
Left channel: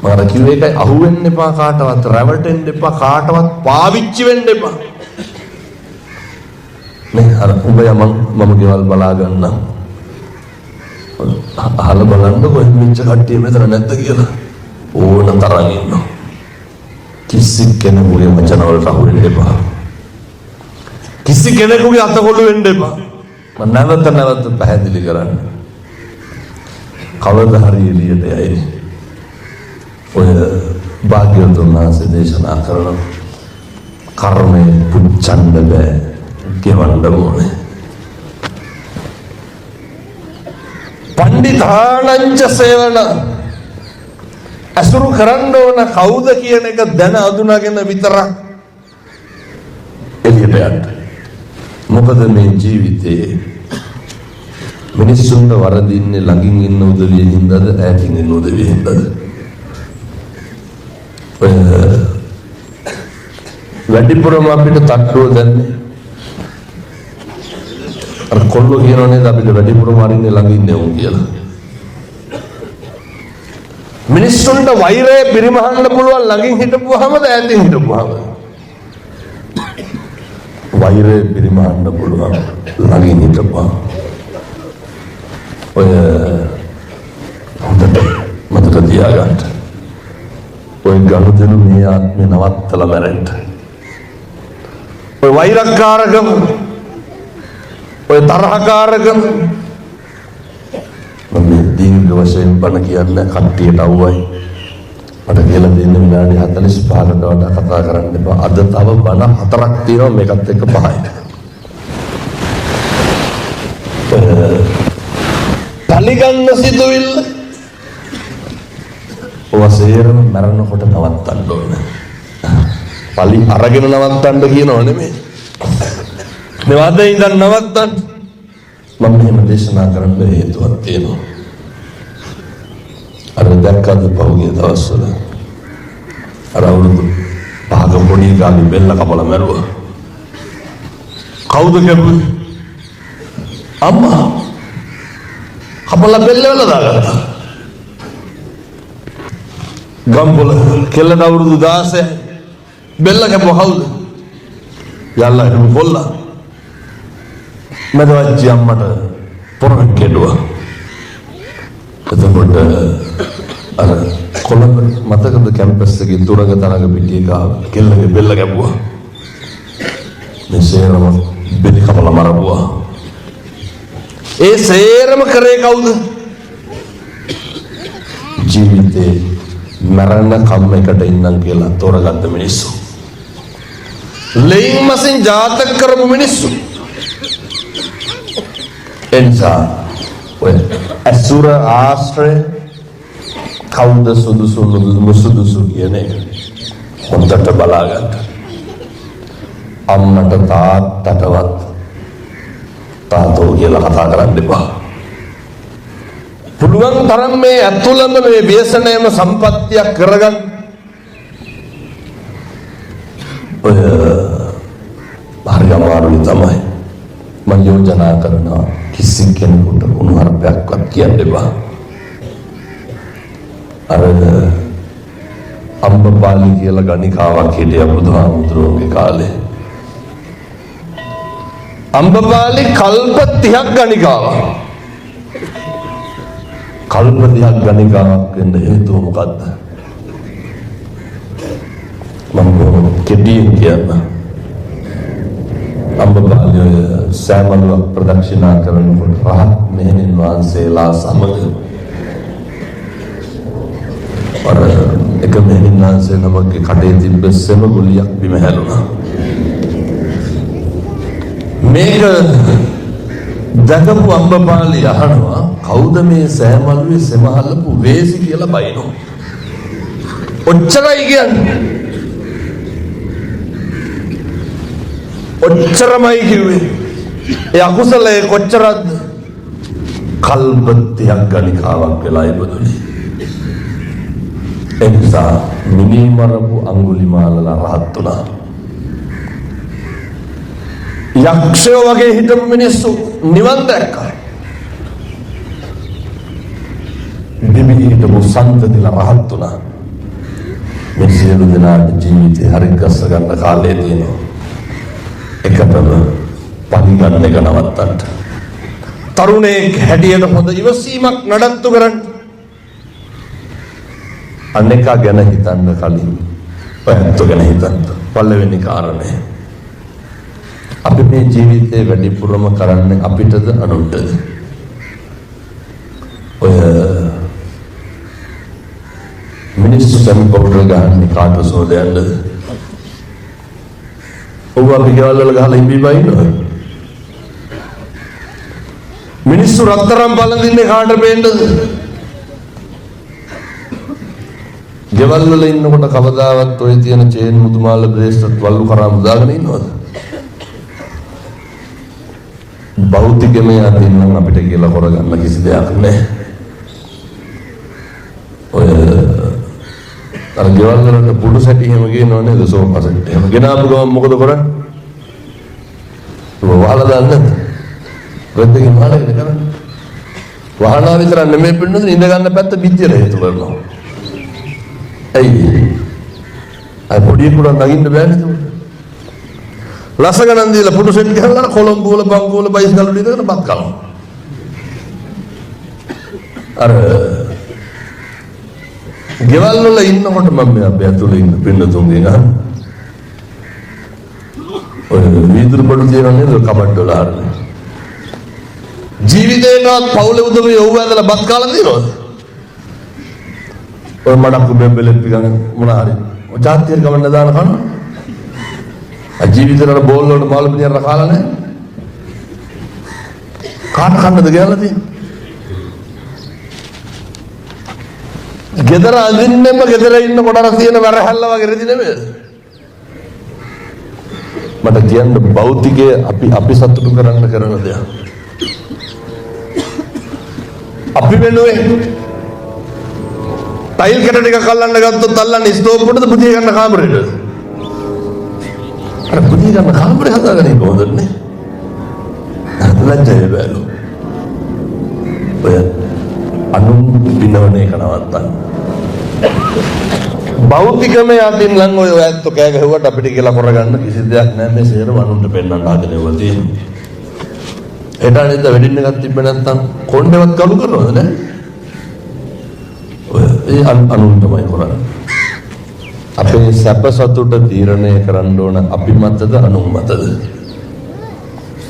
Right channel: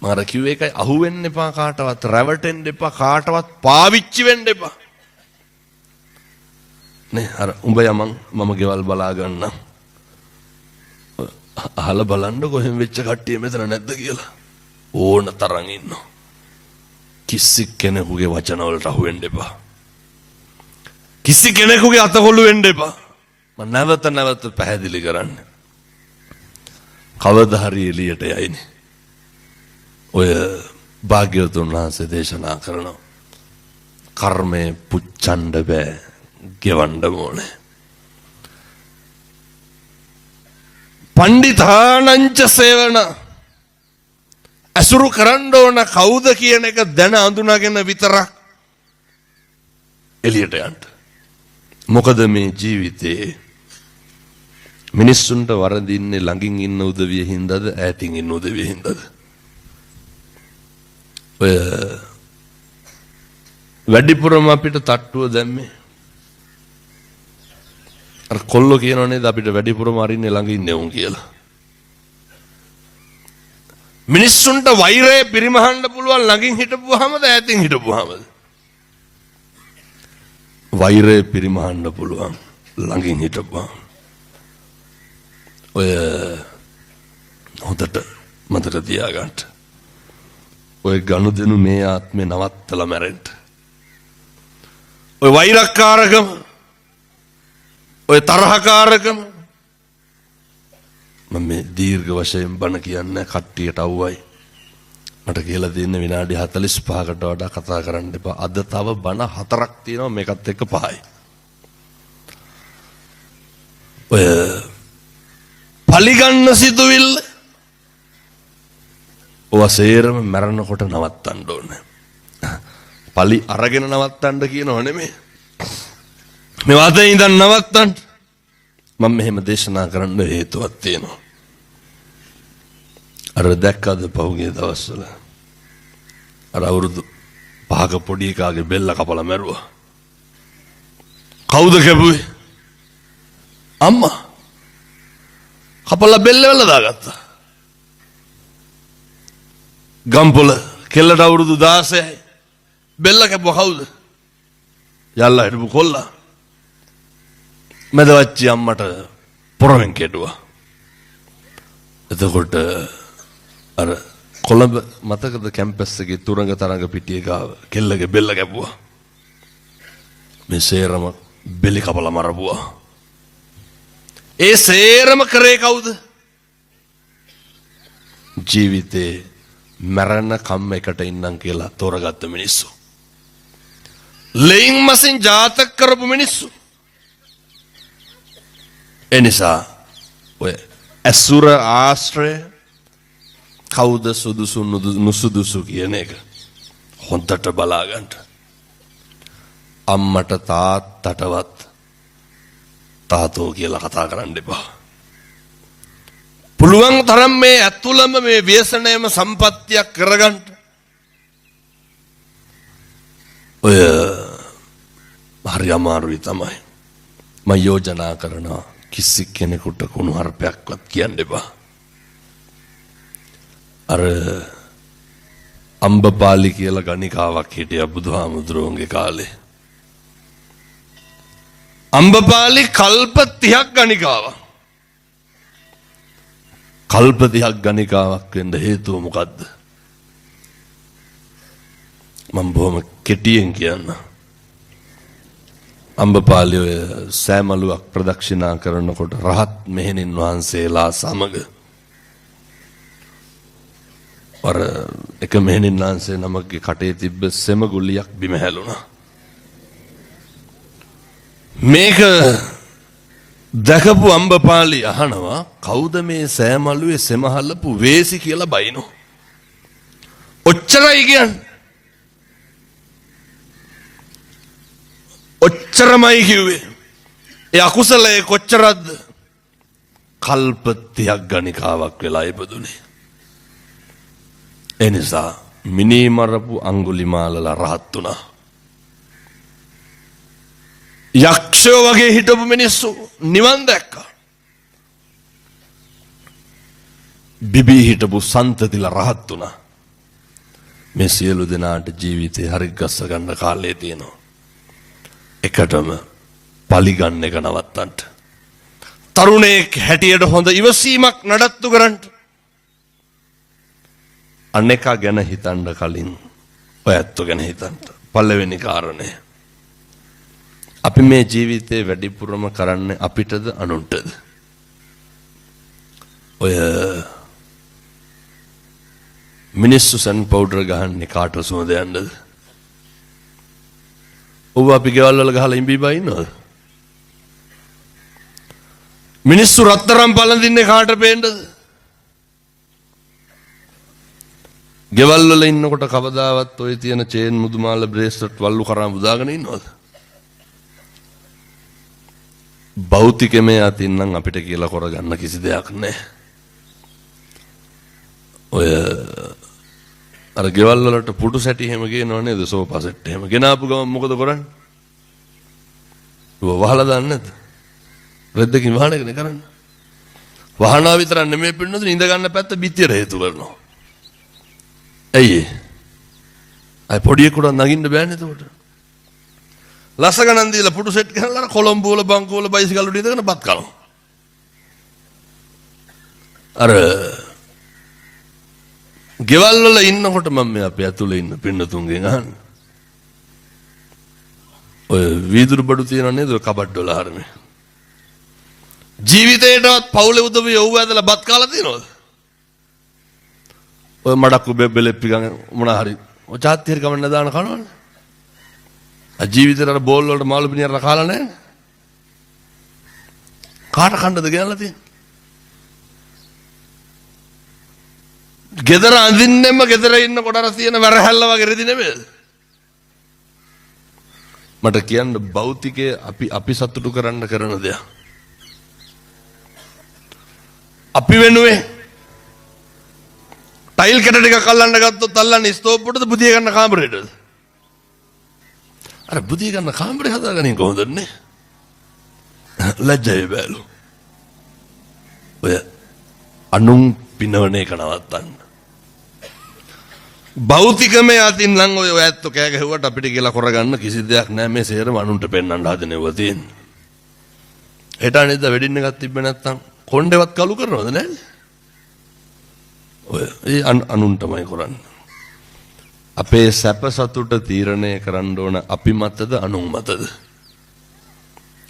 මාර කිව්ව එකයි අහුවෙන්න එපා කාටවත්, රැවටෙන්න එපා කාටවත්, පාවිච්චි වෙන්න එපා. නේ අර උඹ මම ගෙවල් බලා ගන්නම්. අහලා බලන්න කොහෙන් වෙච්ච කට්ටිය මෙතන නැද්ද කියලා. ඕන තරම් ඉන්නවා. කිසි කෙනෙකුගේ වචන වලට අහු වෙන්න එපා. කිසි කෙනෙකුගේ අතකොළු වෙන්න එපා. මම නැවත පැහැදිලි කරන්නේ. කවදා හරි එළියට යයිනේ. ඔය භාග්‍යවතුන් වහන්සේ දේශනා කරන කර්මය පුච්චන්න බෑ, ගෙවන්න ඕනේ. පණ්ඩිතානංච සේවන අසුරු කරන්න ඕන කවුද කියන එක දැන අඳුනගෙන විතරක් එළියට යන්න. මොකද මේ ජීවිතේ මිනිස්සුන්ට වරදින්නේ ළඟින් ඉන්න උදවිය හින්දාද ඈතින් ඉන්න උදවිය හින්දාද? වැඩිපුරම අපිට තට්ටුව දැම්මේ අර කොල්ලෝ කියනෝනේ අපිට වැඩිපුරම අරින්නේ ළඟ ඉන්නේ උන් කියලා. මිනිස්සුන්ට වෛරය පරිමහන්න පුළුවන් ළඟින් හිටපුවාමද ඈතින් හිටපුවාමද? වෛරය පරිමහන්න පුළුවන් ළඟින් හිටපුවාම. ඔය හොඳට මතක තියාගන්න. ඔය ගනුදෙනු මේ ආත්මේ නවත්තලා මැරෙන්න. ඔය වෛරකාරකම, ඔය තරහකාරකම මම දීර්ඝ වශයෙන් බණ කියන්නේ කට්ටියට අවුවයි. මට කියලා දෙන්න විනාඩි 45කට වඩා කතා කරන්න එපා. අද තව බණ 4ක් තියෙනවා මේකත් එක්ක 5යි. ඔය පලිගන්න සිදුවිල්ල ඔසේරම මරනකොට නවත්තන්න ඕනේ. පලි අරගෙන නවත්තන්න කියනව නෙමෙයි. මේ වාදේ ඉඳන් නවත්තන්න. මම මෙහෙම දේශනා කරන්න හේතුවක් තියෙනවා. අර දැක්කද පහුගිය දවස්වල අර අවුරුදු 5ක පොඩි ගාගේ බෙල්ල කපලා මැරුවා. කවුද කැපුවේ? අම්මා. කපලා බෙල්ල වල දාගත්තා. ගම්පොළ කෙල්ලට අවුරුදු 16 බෙල්ල කැපුවා කවුද? යල්ලා හිටපු කොල්ලා. මැදවච්චි අම්මට පොරෙන් කෙඩුවා. එතකොට අර කොළඹ මතකද කැම්පස් එකේ තුරඟ තරඟ පිටියේ ගාව කෙල්ලගේ බෙල්ල කැපුවා. මේ සේරම බෙලි කපලා මරපුවා. ඒ සේරම කරේ කවුද? ජීවිතේ මරණ කම් එකට ඉන්නම් කියලා තෝරගත්ත මිනිස්සු. ලෙයින් මසෙන් ජාතක කරපු මිනිස්සු. එනිසා ඔය අසුර ආශ්‍රය කවුද සුදුසු නුසුදුසු කියන එක හොඳට බලාගන්න. අම්මට තාත්තටවත් තාතෝ කියලා කතා කරන්න එපා. පුළුවන් තරම් මේ ඇතුළම මේ ව්‍යසනයම සම්පත්තියක් කරගන්න. ඔය හරි අමාරුයි තමයි. මම යෝජනා කරනවා කිසි කෙනෙකුට උණුහරුපයක්වත් කියන්න එපා. අර අම්බපාලි කියලා ගණිකාවක් හිටියා බුදුහාමුදුරුවන්ගේ කාලේ. අම්බපාලි කල්ප 30ක් ගණිකාවක්. කල්ප 30ක් ගණිකාවක් වෙන්න හේතුව මොකද්ද? මම බොහොම කෙටියෙන් කියන්න. අම්බපාලි සෑමලුවක් ප්‍රදක්ෂිනා කරනකොට රහත් මෙහෙණින් වහන්සේලා සමග අර එක මෙහෙණින් වහන්සේ නමගේ කටේ තිබ්බ සෙම ගුලියක් බිම හැලුණා. මේක දැකපු අම්බපාලි අහනවා කවුද මේ සෑමලුවේ සෙම හලපු වේසි කියලා බයිනෝ. ඔච්චරයි කියන්නේ. ඔච්චරමයි කිව්වේ. ඒ අකුසලයේ කොච්චරද? කල්ප 30ක් ගණිකාවක් වෙලා ඉපදුනේ. එනිසා මිනී මරපු අංගුලිමාලලා රහත් වුණා. යක්ෂයෝ වගේ හිටපු මිනිස්සු නිවන් දැක්කා. බිබී හිටපු සන්තතිලා රහත් වුණා. මේ සියලු දෙනාට ජීවිතේ හරි ගස්ස ගන්න කාලය තියෙනවා. එකටම පලි ගන්න එක නවත්තන්න. තරුණයෙක් හැටියට හොඳ ඉවසීමක් නඩත්තු කරන්න. අනෙකා ගැන හිතන්න කලින් ඔයත් ගැන හිතන්න. පළවෙනි කාරණය. අපි මේ ජීවිතේ වැඩිපුරම කරන්නේ අපිටද අනුන්ටද? ඔය මිනිස්සු සම් පවුඩර් ගහන්නේ කාට සෝදයන්ද? ඔබ අපි ගෙවල් වල ගහලා ඉඹි බයිනවද? මිනිස්සු රත්තරන් පළඳින්නේ කාට පේන්නද? ගෙවල් වල ඉන්නකොට කවදාවත් ඔය තියෙන චේන් මුදුමාල බ්‍රේස්ලට් වල්ලු කරා මුදාගෙන ඉන්නවද? භෞතිකමය අතින් නම් අපිට කියලා කරගන්න කිසි දෙයක් නැහැ. ඔය අර ගෙවල් වලට පුඩු සැටි හැම ගේනව නේද? සෝෆා සෙට් එහෙම ගෙනාපු ගමන් මොකද කරන්නේ? ඔබ වහලා දාන්නේ නැද්ද? රෙද්දකින් වහනගෙන කරන්නේ. වහනවා විතරක් නෙමෙයි පින්නද ඉඳ ගන්න පැත්ත පිටියට හේතු කරනවා. ඇයි? අය පොඩියෙකුට නගින්න බෑනේ ඒක. ලස ගණන් දීලා පුඩු සෙට් ගහලා කොළඹ වල බංකුව වල බයිසිකල් වල ඉඳගෙන බත් කනවා. අර ගෙවල් වල ඉන්නකොට මම අපි ඇතුලේ ඉන්න පින්නතුන්ගෙන් අහන ඔය වීදුරු පොඩු තියෙන නේද කබඩ් වල හරිනේ ජීවිතේටවත් පවුලේ උදවිය ඔව් ඇඳලා බත් කාලා තියෙනවද? ඔය මඩක් බෙබ්බෙලෙප්පි ගන්න මොන හරි ඔය ජාතිය ගවන්න දාන කනවා. ආ ජීවිතේට අර බෝල් වලට මාළු පිටියක් කාලා නැහැ. කාට කන්නද ගියලා තියෙන්නේ? ගෙදර අඳින්නෙම ගෙදර ඉන්නකොට අර තියෙන වැරහැල්ල වගේ රෙදි නෙමෙයි. මට කියන්න භෞතිකයේ අපි සතුටු කරන්න කරන දෙයක්. අපි වෙනුවේ ටයිල් කැට ටිකක් අල්ලන්න ගත්තොත් අල්ලන්නේ ස්ටෝප් එකටද පුදිය ගන්න කාමරේටද? අර පුදිය ගන්න කාමරේ හදාගන්නේ කොහොමද නේ? ලැජ්ජයි බෑලු. ඔය අනුන් පිනවන එක නවත්තන්න. භෞතිකමය අතින් නම් ඔය ඇත්ත කෑ ගැහුවට අපිට කියලා කරගන්න කිසි දෙයක් නැහැ. මේ සියරම අනුන්ට පෙන්වන්න හදනව තියෙනවා. එදා නේද වෙඩින් එකක් තිබ්බ නැත්නම් කොණ්ඩේවත් කළු කරනවද නැහැ? ඔය ඒ අනුන්ටමයි කරන්නේ. අපේ සැප සතුට තීරණය කරන්න ඕන අපි මතද අනුන් මතද?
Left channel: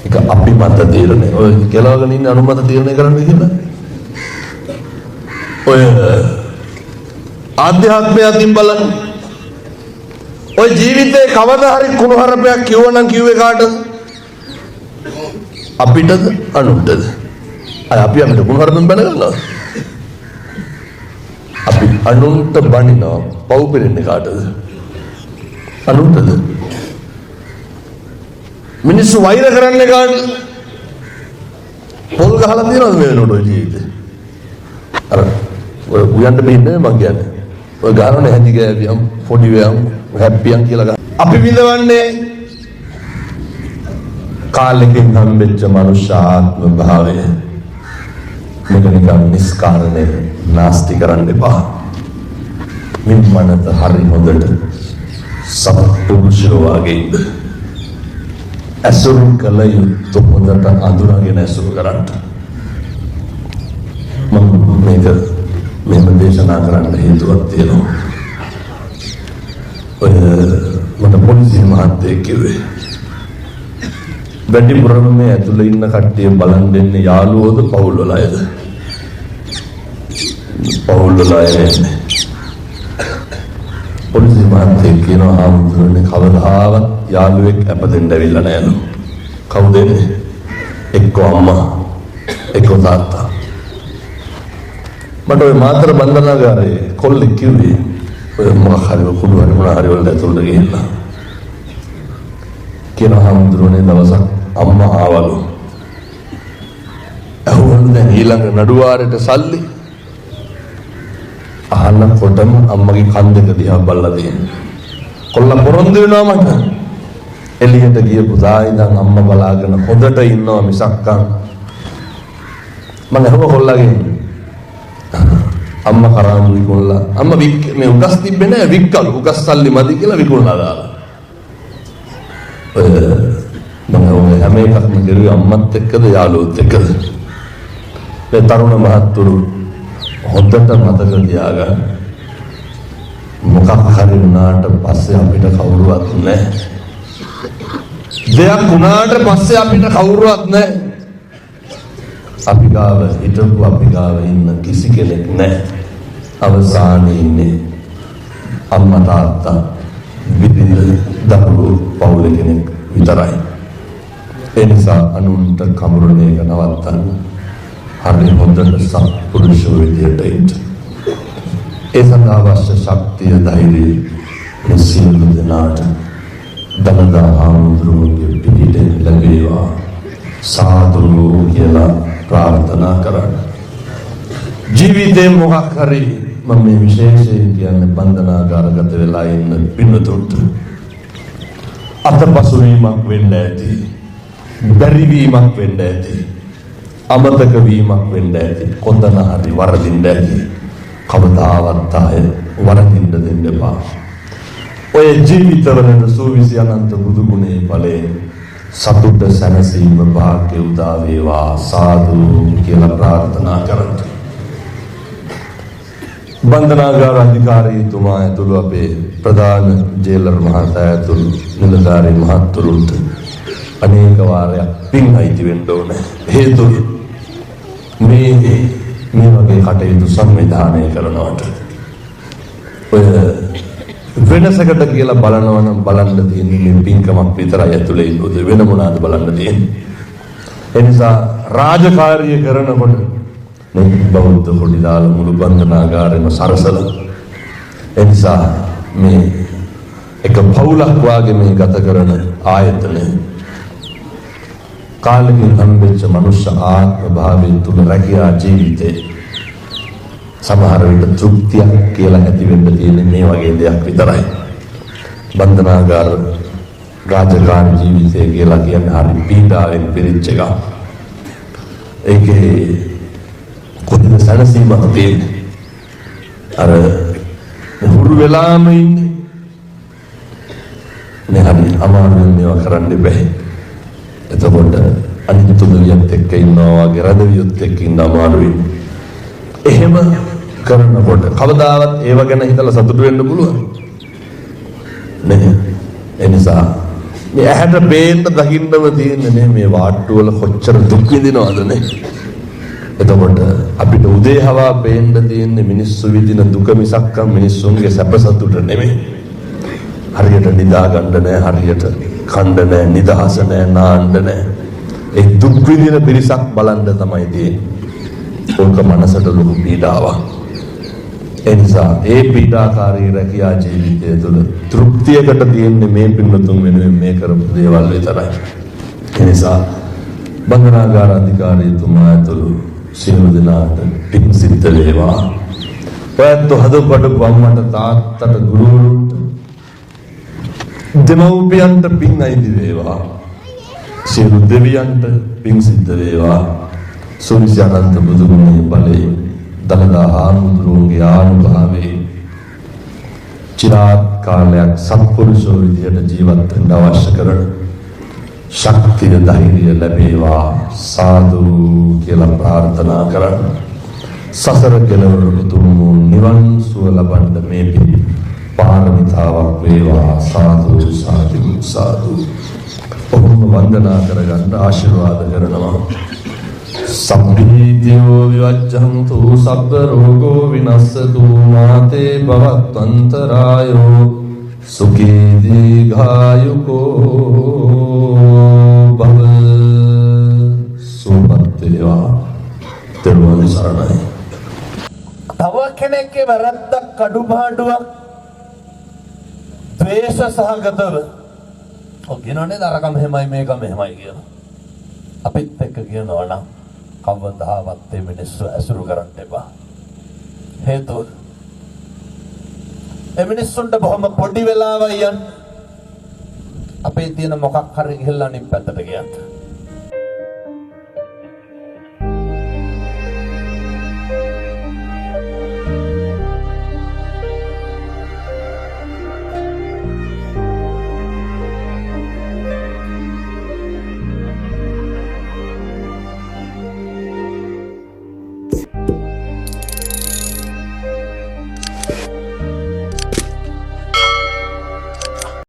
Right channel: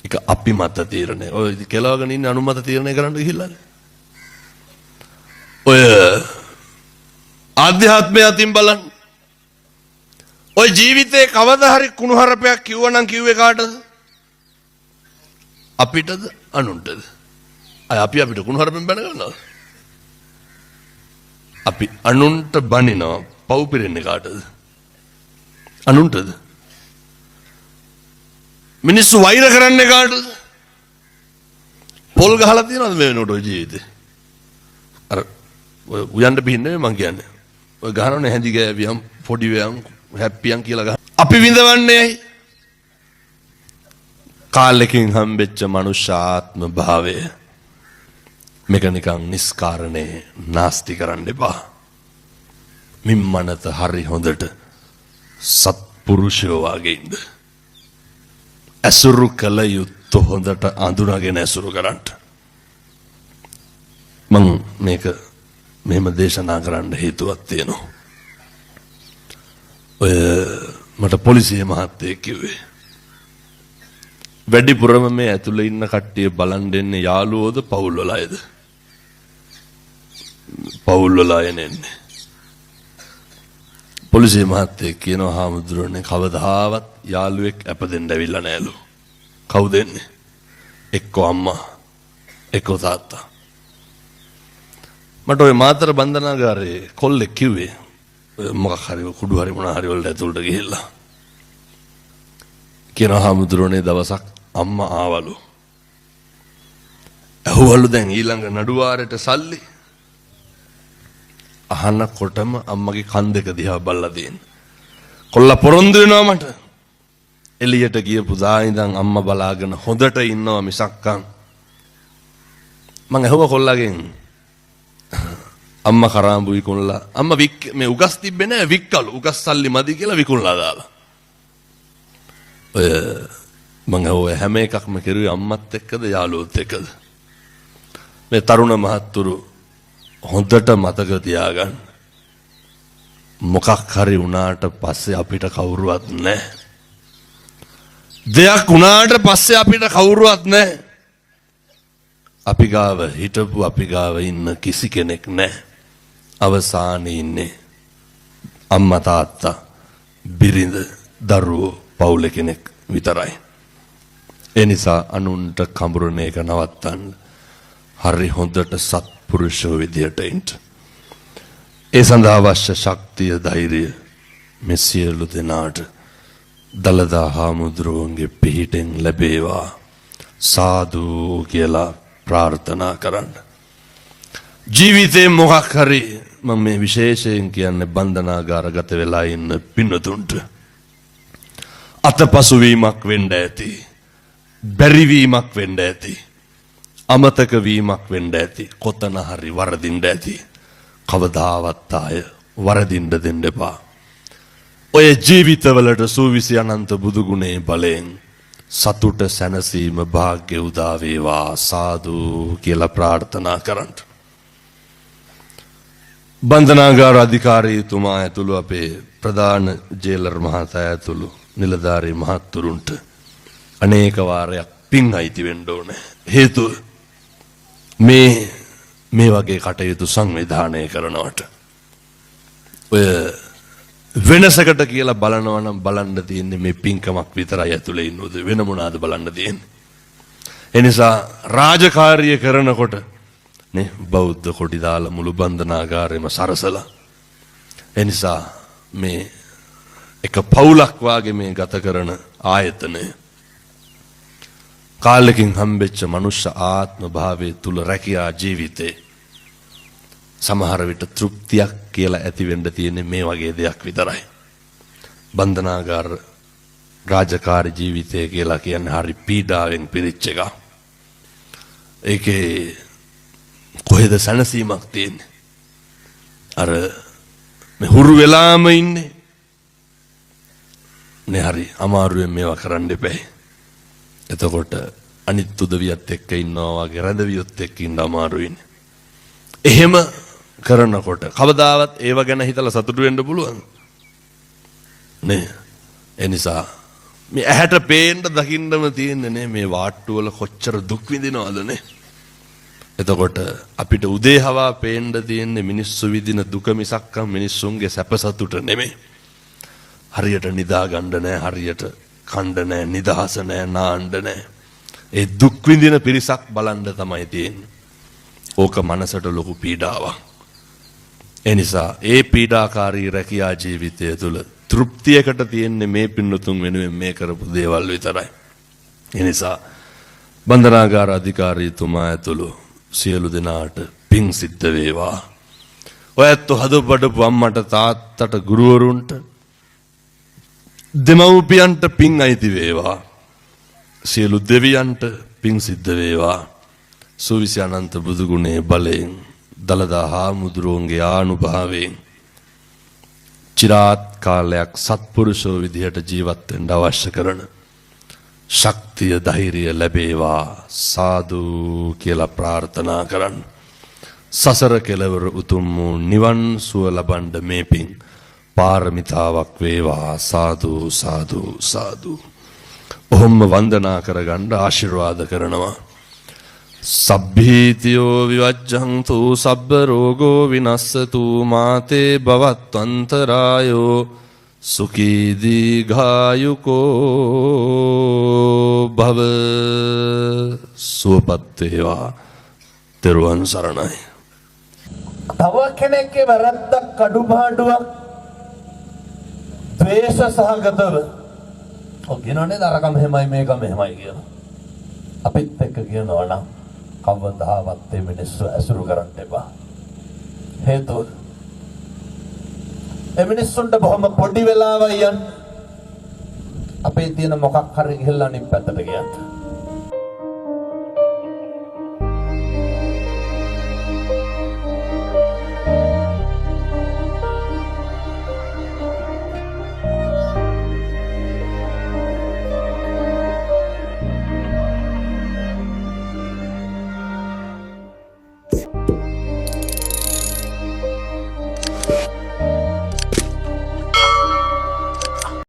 ඒක අපි මත තීරණය. ඔය කෙලවගෙන ඉන්න අනුන් මත තීරණය කරන්න කියලා. ඔය ආධ්‍යාත්මය අතින් බලන්න. ඔය ජීවිතේ කවදා හරි කුණුහරුපයක් කිව්වනම් කිව්වේ කාටද? අපිටද අනුන්ටද? අපි අපිට කුණුහරුපෙන් බැනගන්නවා. අපි අනුන්ට බනිනවා. පව් පිරෙන්නේ කාටද? අනුන්ටද? මිනිස්සු වෛර කරන්නේ කාටද? පොල් ගහලා තියනවද මේ වෙනකොට ජීවිතේ? අර ඔය උයන්ට බින්නේ මං කියන්නේ. ඔය ගානනේ හැදි ගෑවියම් පොඩි වෑම් හැප්පියම් කියලා ගන්න. අපි විඳවන්නේ කාලෙකින් හම්බෙච්ච මනුෂ්‍යාත්ම භාවය. මේක නිකන් නිස්කාරණේ නාස්ති කරන්න එපා. මිම්මනත හරි හොඳට සත්පුරුෂයෝ වගේ ඉන්න. ඇසුරු කළ යුතු හොඳට අඳුනගෙන ඇසුරු කරන්න. මම මේක මෙහෙම දේශනා කරන්න හේතුවක් තියෙනවා. ඔය මට පොලිසිය මහත්තයෙක් කිව්වේ වැඩිපුරම මේ ඇතුළේ ඉන්න කට්ටිය බලන් දෙන්නේ යාළුවෝද පවුල් වල අයද? පවුල් වල අය නෙමෙයි. පොලිසිය මහත්තයෙක් කියනවා හාමුදුරනේ කවදාවත් යාළුවෙක් අපදෙන්න ඇවිල්ලා නැලු. කවුද එන්නේ? එක්ක අම්මා එක්ක තාත්තා. මට ඔය මාතර බන්ධනාගාරයේ කොල්ලෙක් කිව්වේ ඔය මොකක් හරි කුඩු හරි මොන හරි වල ඇතුළට ගිහිල්ලා කියන හාමුදුරනේ දවසක් අම්මා ආවලු. ඇහුවලු දැන් ඊළඟ නඩුවාරයට සල්ලි. අහනකොටම අම්මගේ කන් දෙක දිහා බලලා තියෙනවා. කොල්ලා පොරොන්දු වෙනවා මට. එළියට ගියපු සායිඳන් අම්මා බලාගෙන හොදට ඉන්නවා මිසක් මම ඇහුවා කොල්ලාගෙන් අම්මා කරාමු විකුණලා අම්මා මේ උගස් තිබ්බේ නෑ වික්කලු උගස් සල්ලි මදි කියලා විකුණලා දාලා. මම ඔය හැම එකක්ම කරුවේ අම්මත් එක්කද යාළුවොත් එක්කද. මේ තරුණ මහත්තුරු හොඳට මතක තියාගන්න. මොකක් හරි වුණාට පස්සේ අපිට කවුරුවත් නැහැ. දෙයක් වුණාට පස්සේ අපිට කවුරුවත් නැහැ. අපි ගාව හිටපු අපි ගාව ඉන්න කිසි කෙනෙක් නැහැ. අවසානයේ ඉන්නේ අම්මා තාත්තා බිරිඳ දරුවෝ පවුල කෙනෙක් විතරයි. ඒ නිසා අනුන්ට කඹරන එක නවත්තන්න. හරි හොඳට සත්පුරුෂෝ විදියට ඉන්න. ඒ සඳහා අවශ්‍ය ශක්තිය ධෛර්යය මේ සියලු දෙනාට දලදා හාමුදුරුවන්ගේ පිහිටෙන් ලැබේවා සාදු කියලා ප්‍රාර්ථනා කරන්න. ජීවිතේ මොකක් හරි මම මේ විශේෂයෙන් කියන්නේ බන්ධනාගාරගත වෙලා ඉන්න පින්නතුන්ට අතපසු වීමක් වෙන්න ඇති. බැරිවීමක් වෙන්න ඇති. අමතක වීමක් වෙන්න ඇති. කොතන හරි වරදින්න ඇති. කවදාවත් ආය වරදින්න දෙන්න එපා. ඔය ජීවිතවලට සූවිසි අනන්ත බුදු ගුණේ බලයෙන් සතුට සැනසීම භාග්‍ය උදා වේවා සාදු කියලා ප්‍රාර්ථනා කරන්න. බන්ධනාගාර අධිකාරීතුමා ඇතුළු අපේ ප්‍රධාන ජේලර් මහතා ඇතුළු නිලධාරී මහත්තුරුන්ට අනේක වාරයක් පින් අයිති වෙන්න ඕනේ. හේතුව මේ වගේ කටයුතු සංවිධානය කරනවට ඔය වෙනසකට කියලා බලනවා නම් බලන්න තියෙන්නේ මේ පින්කමක් විතරයි ඇතුලේ ඉන්නොත් වෙන මොනවාද බලන්න තියෙන්නේ. ඒ නිසා රාජකාරිය කරනකොට මේ බෞද්ධ කොටි දාලා මුළු බන්ධනාගාරෙම සරසලා ඒ නිසා මේ එක පවුලක් වාගේ මේ ගත කරන ආයතනය කාලෙකින් හම්බෙච්ච මනුෂ්‍ය ආත්ම භාවයෙන් තුල රැකියා ජීවිතේ සමහර විට තෘප්තියක් කියලා ඇති වෙන්න තියෙන්නේ මේ වගේ දෙයක් විතරයි. බන්ධනාගාර රාජකාරී ජීවිතය කියලා කියන්නේ හරි පීඩාවෙන් පිරිච්ච එකක්. ඒකේ කොහෙද සැනසීමක් තියෙන්නේ? අර හුරු වෙලාම ඉන්නේ. මේ හරි අමාරුවෙන් මේවා කරන්න බෑ. එතකොට අනිත් උදවියත් එක්ක ඉන්නවා වගේ රදවියොත් එක්ක ඉන්න අමාරුයි. එහෙම කරනකොට කවදාවත් ඒව ගැන හිතලා සතුටු වෙන්න පුළුවන් නේ. ඒ නිසා මේ ඇහැට පේන්න දකින්නම තියෙන්නේ මේ වාට්ටු වල කොච්චර දුක් විඳිනවද නේ. එතකොට අපිට උදේ හවා පේන්න තියෙන්නේ මිනිස්සු විඳින දුක මිසක් මිනිස්සුන්ගේ සැප සතුට නෙමෙයි. හරියට නිදා ගන්න නැහැ, හරියට කන්න නැහැ, නිදහස නැහැ, නාන්න නැහැ. ඒ දුක් විඳින පිරිසක් බලන්න තමයි තියෙන්නේ. ඕක මනසට ලොකු පීඩාවක්. ඒ නිසා ඒ පීඩාකාරී රැකියා ජීවිතය තුළ තෘප්තියකට තියෙන්නේ මේ පින්නතුන් වෙනුවෙන් මේ කරපු දේවල් විතරයි. ඒ නිසා බන්ධනාගාර අධිකාරීතුමා ඇතුළු සියලු දෙනාට පින් සිද්ධ වේවා. ඔයත් හදපඩ අම්මට තාත්තට ගුරුවරුන්ට දෙමව්පියන්ට පින් අයිති වේවා. සියලු දෙවියන්ට පින් සිද්ධ වේවා. සුවිසි අනන්ත බුදු ගුණේ බලයෙන් දලදා හාමුදුරුවන්ගේ ආනුභාවයෙන් චිරාත් කාලයක් සත්පුරුෂෝ විදියට ජීවත් වෙන්න අවශ්‍ය කරන ශක්තිය ධෛර්යය ලැබේවා සාදු කියලා ප්‍රාර්ථනා කරන්න. සසර කෙලවර උතුම් නිවන් සුව ලබන්න මේ පින් පාරමිතාවක් වේවා සාදු සාදු සාදු. ඔහොම වන්දනා කරගන්න ආශිර්වාද කරනවා. සබ්බීතියෝ විවච්ඡන්තු සබ්බ රෝගෝ විනස්සතු මාතේ භවත්වන්තරායෝ සුඛී දීඝායුකෝ භව. සුවපත් වේවා. තෙරුවන් සරණයි. තව කෙනෙක්ගේ වැරද්දක් අඩුපාඩුවක් ද්වේෂ සහගතව කියනනේ දරක මෙහෙමයි මේක මෙහෙමයි කියලා අපිත් එක්ක කියනවා නම් කවදාවත් මේ මිනිස්සු ඇසුරු කරන්න එපා. හේතුව ඒ මිනිස්සුන්ට බොහොම පොඩි වෙලාවයි යන්නේ. අපේ තියෙන මොකක් හරි ගිහලා අනිත් පැත්තට ගියත්